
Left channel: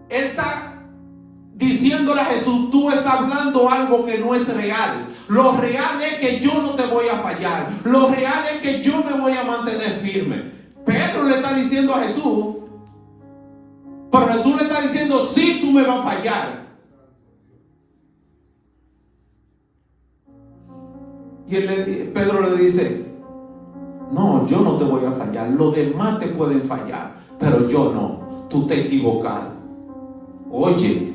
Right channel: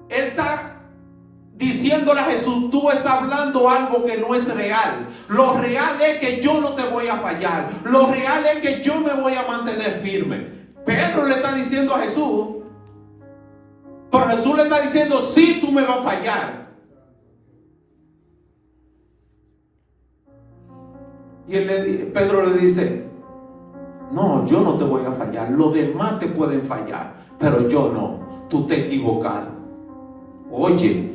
él está diciéndole a Jesús: tú estás hablando algo que no es real. Lo real es que yo no te voy a fallar. Lo real es que yo me voy a mantener firme. Pedro le está diciendo a Jesús, pero Jesús le está diciendo: sí, tú me vas a fallar. Y Pedro le dice: no, yo no te voy a fallar. Los demás te pueden fallar, pero yo no. Tú te has equivocado. Oye,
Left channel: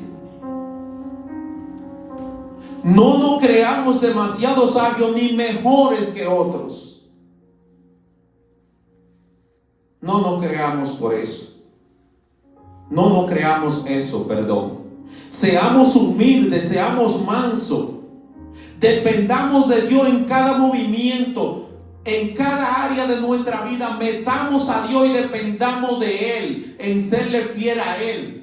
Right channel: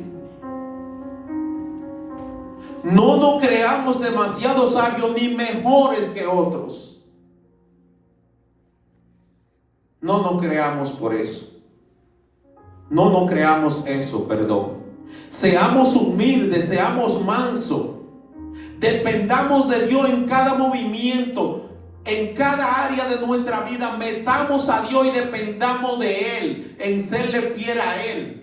no nos creamos demasiado sabios ni mejores que otros. No nos creamos por eso. No nos creamos eso, perdón. Seamos humildes, seamos mansos. Dependamos de Dios en cada movimiento, en cada área de nuestra vida. Metamos a Dios y dependamos de Él, en serle fiel a Él,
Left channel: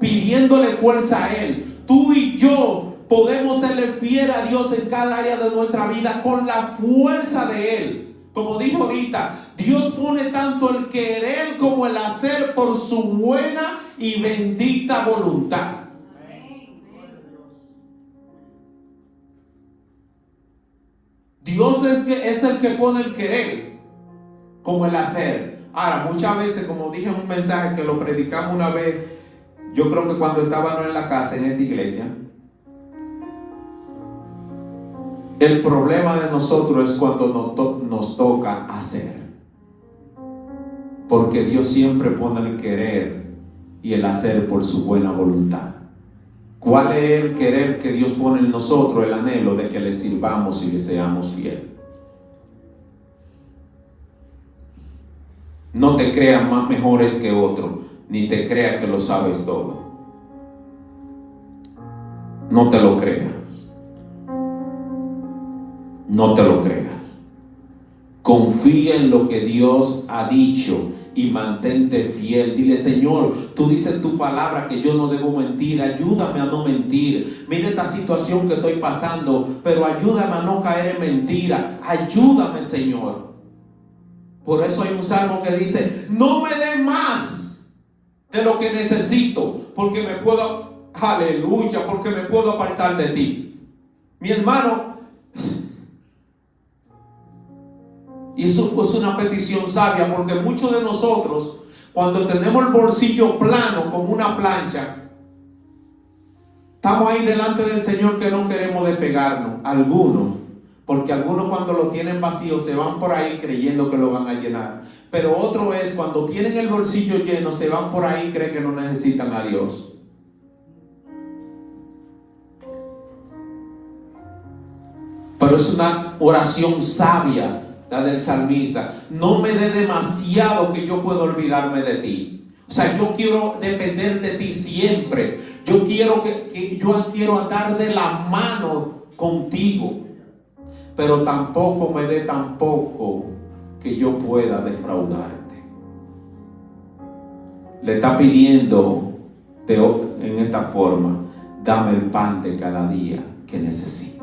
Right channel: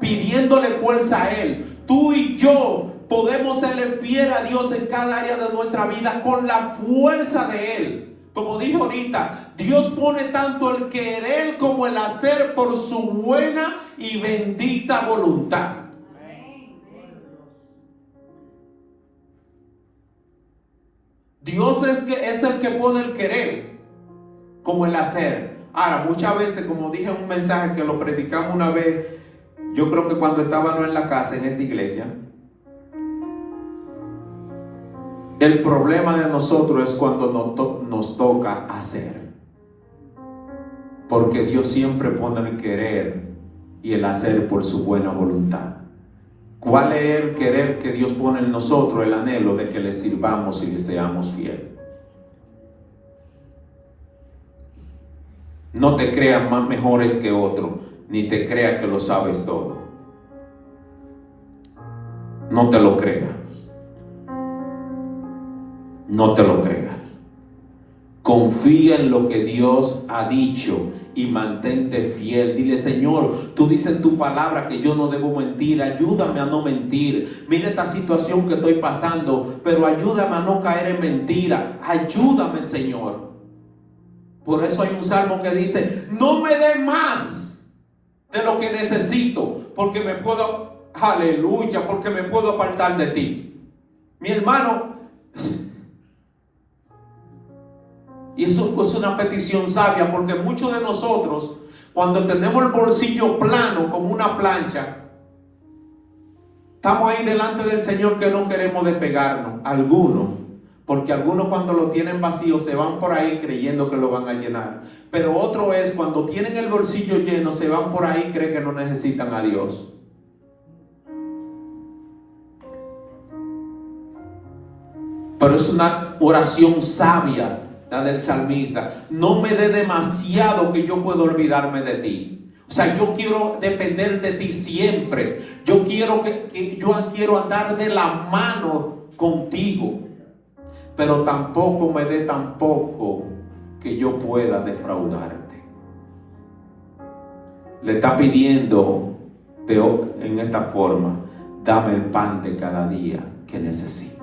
pidiéndole fuerza a Él. Tú y yo podemos serle fiel a Dios en cada área de nuestra vida con la fuerza de Él. Como dije ahorita, Dios pone tanto el querer como el hacer por su buena y bendita voluntad. Dios es el que pone el querer como el hacer. Ahora, muchas veces, como dije en un mensaje que lo predicamos una vez, yo creo que cuando estábamos en la casa, en esta iglesia, el problema de nosotros es cuando nos toca hacer. Porque Dios siempre pone el querer y el hacer por su buena voluntad. ¿Cuál es el querer que Dios pone en nosotros? El anhelo de que le sirvamos y le seamos fieles. No te creas más mejores que otro, ni te creas que lo sabes todo. No te lo creas. No te lo creas. Confía en lo que Dios ha dicho y mantente fiel. Dile: Señor, tú dices en tu palabra que yo no debo mentir. Ayúdame a no mentir. Mira esta situación que estoy pasando, pero ayúdame a no caer en mentira. Ayúdame, Señor. Por eso hay un salmo que dice: no me dé más de lo que necesito, porque me puedo, aleluya, porque me puedo apartar de ti. Mi hermano, y eso es una petición sabia, porque muchos de nosotros, cuando tenemos el bolsillo plano como una plancha, estamos ahí delante del Señor que no queremos despegarnos. Algunos, porque algunos cuando lo tienen vacío se van por ahí creyendo que lo van a llenar. Pero otro es cuando tienen el bolsillo lleno, se van por ahí y creen que no necesitan a Dios. Pero es una oración sabia, la del salmista: no me dé demasiado que yo pueda olvidarme de ti. O sea, yo quiero depender de ti siempre. Yo quiero quiero andar de la mano contigo. Pero tampoco me dé tampoco que yo pueda defraudarte. Le está pidiendo en esta forma: dame el pan de cada día que necesito.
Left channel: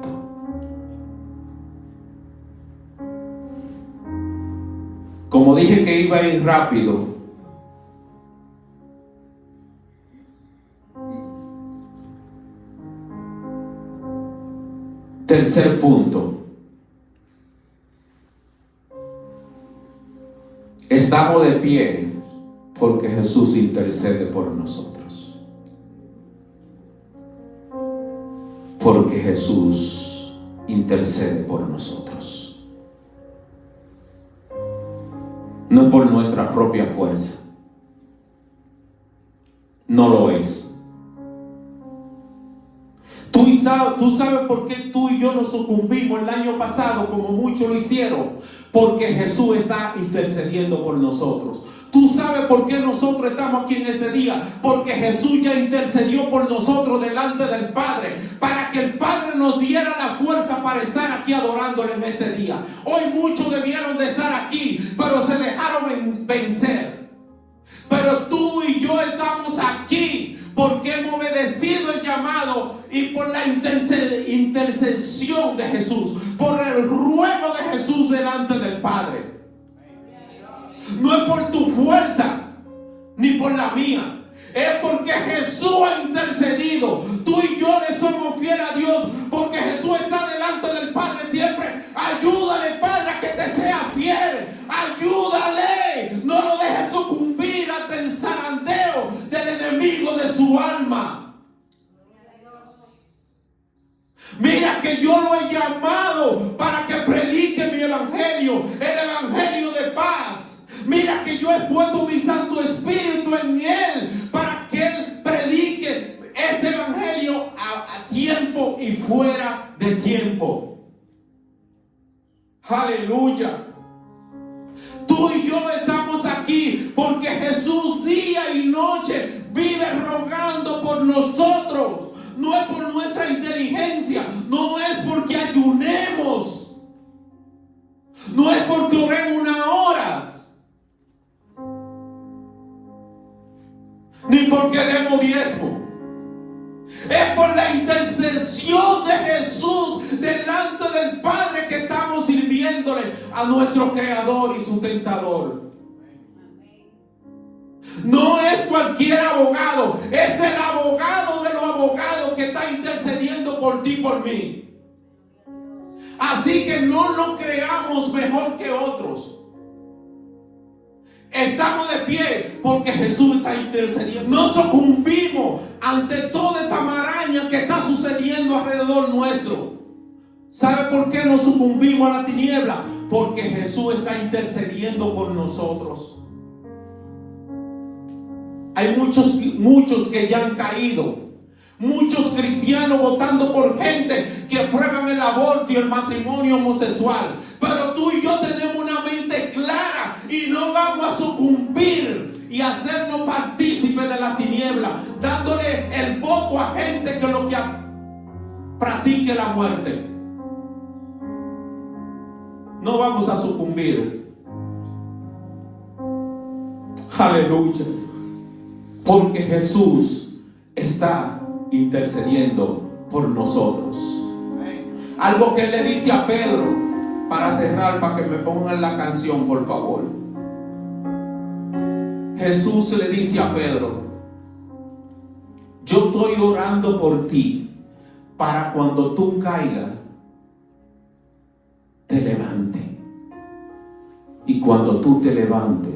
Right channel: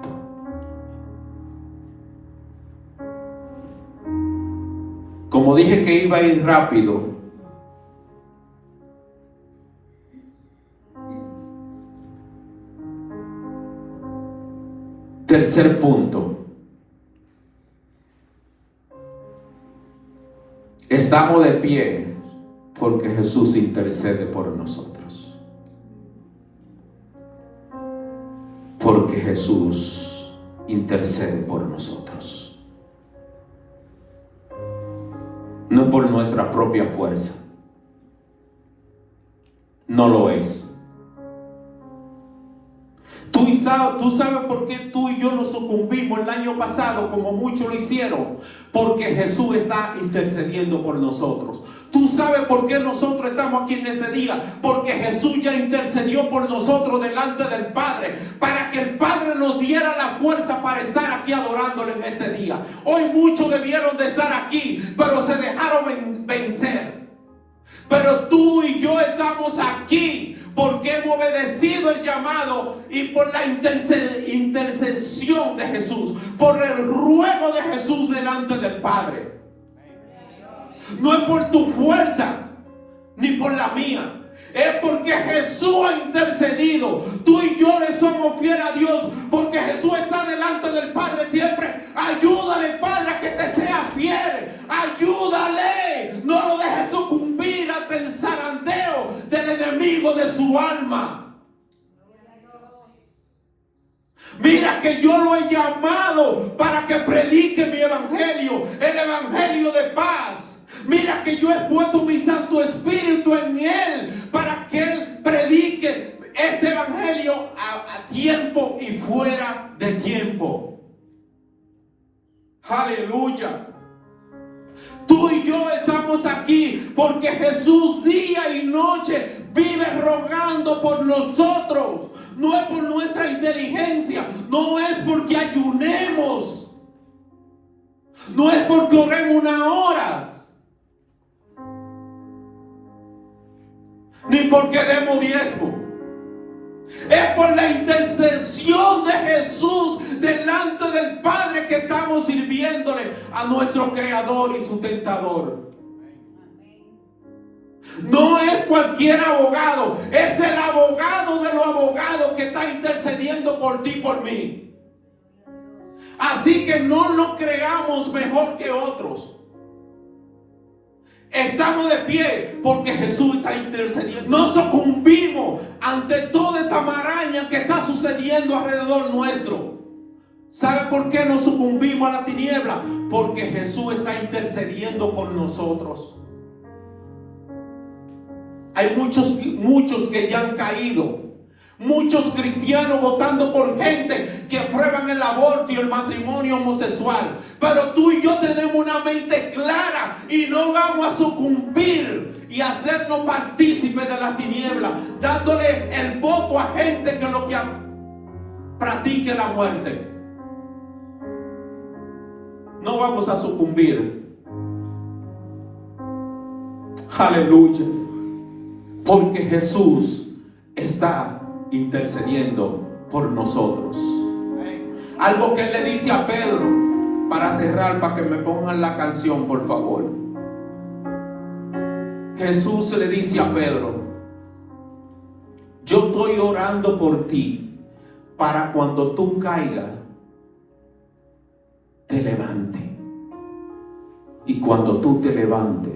Como dije que iba a ir rápido, tercer punto: estamos de pie porque Jesús intercede por nosotros. Porque Jesús intercede por nosotros. No por nuestra propia fuerza. No lo es. Tú sabes por qué tú y yo nos sucumbimos el año pasado como muchos lo hicieron. Porque Jesús está intercediendo por nosotros. Tú sabes por qué nosotros estamos aquí en este día. Porque Jesús ya intercedió por nosotros delante del Padre, para que el Padre nos diera la fuerza para estar aquí adorándole en este día. Hoy muchos debieron de estar aquí, pero se dejaron vencer. Pero tú y yo estamos aquí porque hemos obedecido el llamado y por la intercesión de Jesús, por el ruego de Jesús delante del Padre. No es por tu fuerza ni por la mía, es porque Jesús ha intercedido. Tú y yo le somos fieles a Dios porque Jesús está delante del Padre siempre. Ayúdale, Padre, a que te sea fiel. Ayúdale, no lo dejes sucumbir ante el zarandeo del enemigo de su alma. Mira que yo lo he llamado para que predique mi evangelio, el evangelio de paz. Mira que yo he puesto mi Santo Espíritu en él para que él predique este evangelio a tiempo y fuera de tiempo. Aleluya. Tú y yo estamos aquí porque Jesús día y noche vive rogando por nosotros. No es por nuestra inteligencia, no es porque ayunemos, no es porque oremos una hora, ni porque demos diezmo. Es por la intercesión de Jesús delante del Padre que estamos sirviéndole a nuestro Creador y sustentador. No es cualquier abogado, es el abogado de los abogados que está intercediendo por ti y por mí. Así que no nos creamos mejor que otros. Estamos de pie porque Jesús está intercediendo. No sucumbimos ante toda esta maraña que está sucediendo alrededor nuestro. ¿Sabe por qué no sucumbimos a la tiniebla? Porque Jesús está intercediendo por nosotros. Hay muchos que ya han caído. Muchos cristianos votando por gente que aprueban el aborto y el matrimonio homosexual. Pero tú y yo tenemos una mente clara y no vamos a sucumbir y hacernos partícipes de la tiniebla, dándole el voto a gente que lo que practique la muerte. No vamos a sucumbir. Aleluya. Porque Jesús está intercediendo por nosotros. Algo que le dice a Pedro, para cerrar, para que me pongan la canción, por favor. Jesús le dice a Pedro: yo estoy orando por ti, para cuando tú caigas, te levante. Y cuando tú te levantes,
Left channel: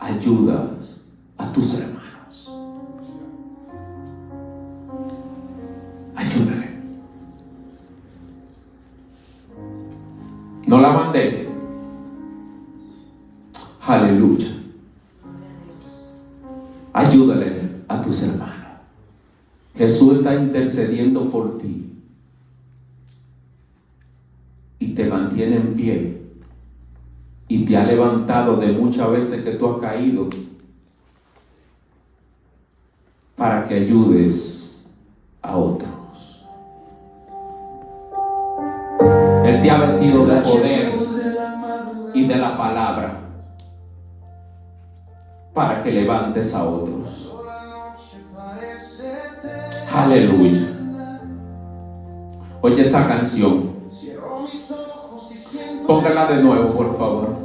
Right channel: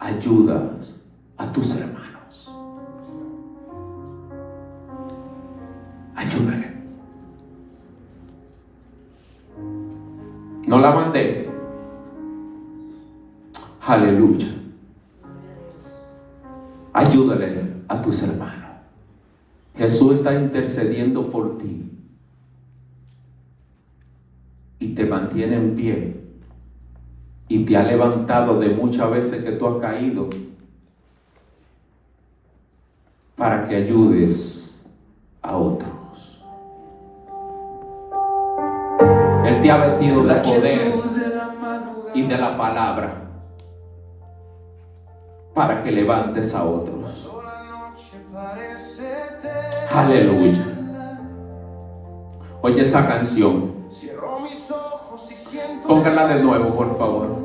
ayudas a tus hermanos. Ayúdale. No la mandé. Aleluya. Ayúdale a tus hermanos. Jesús está intercediendo por ti y te mantiene en pie y te ha levantado de muchas veces que tú has caído, para que ayudes a otros. Él te ha vestido de poder y de la palabra para que levantes a otros. Aleluya. Oye esa canción. Póngala de nuevo, por favor.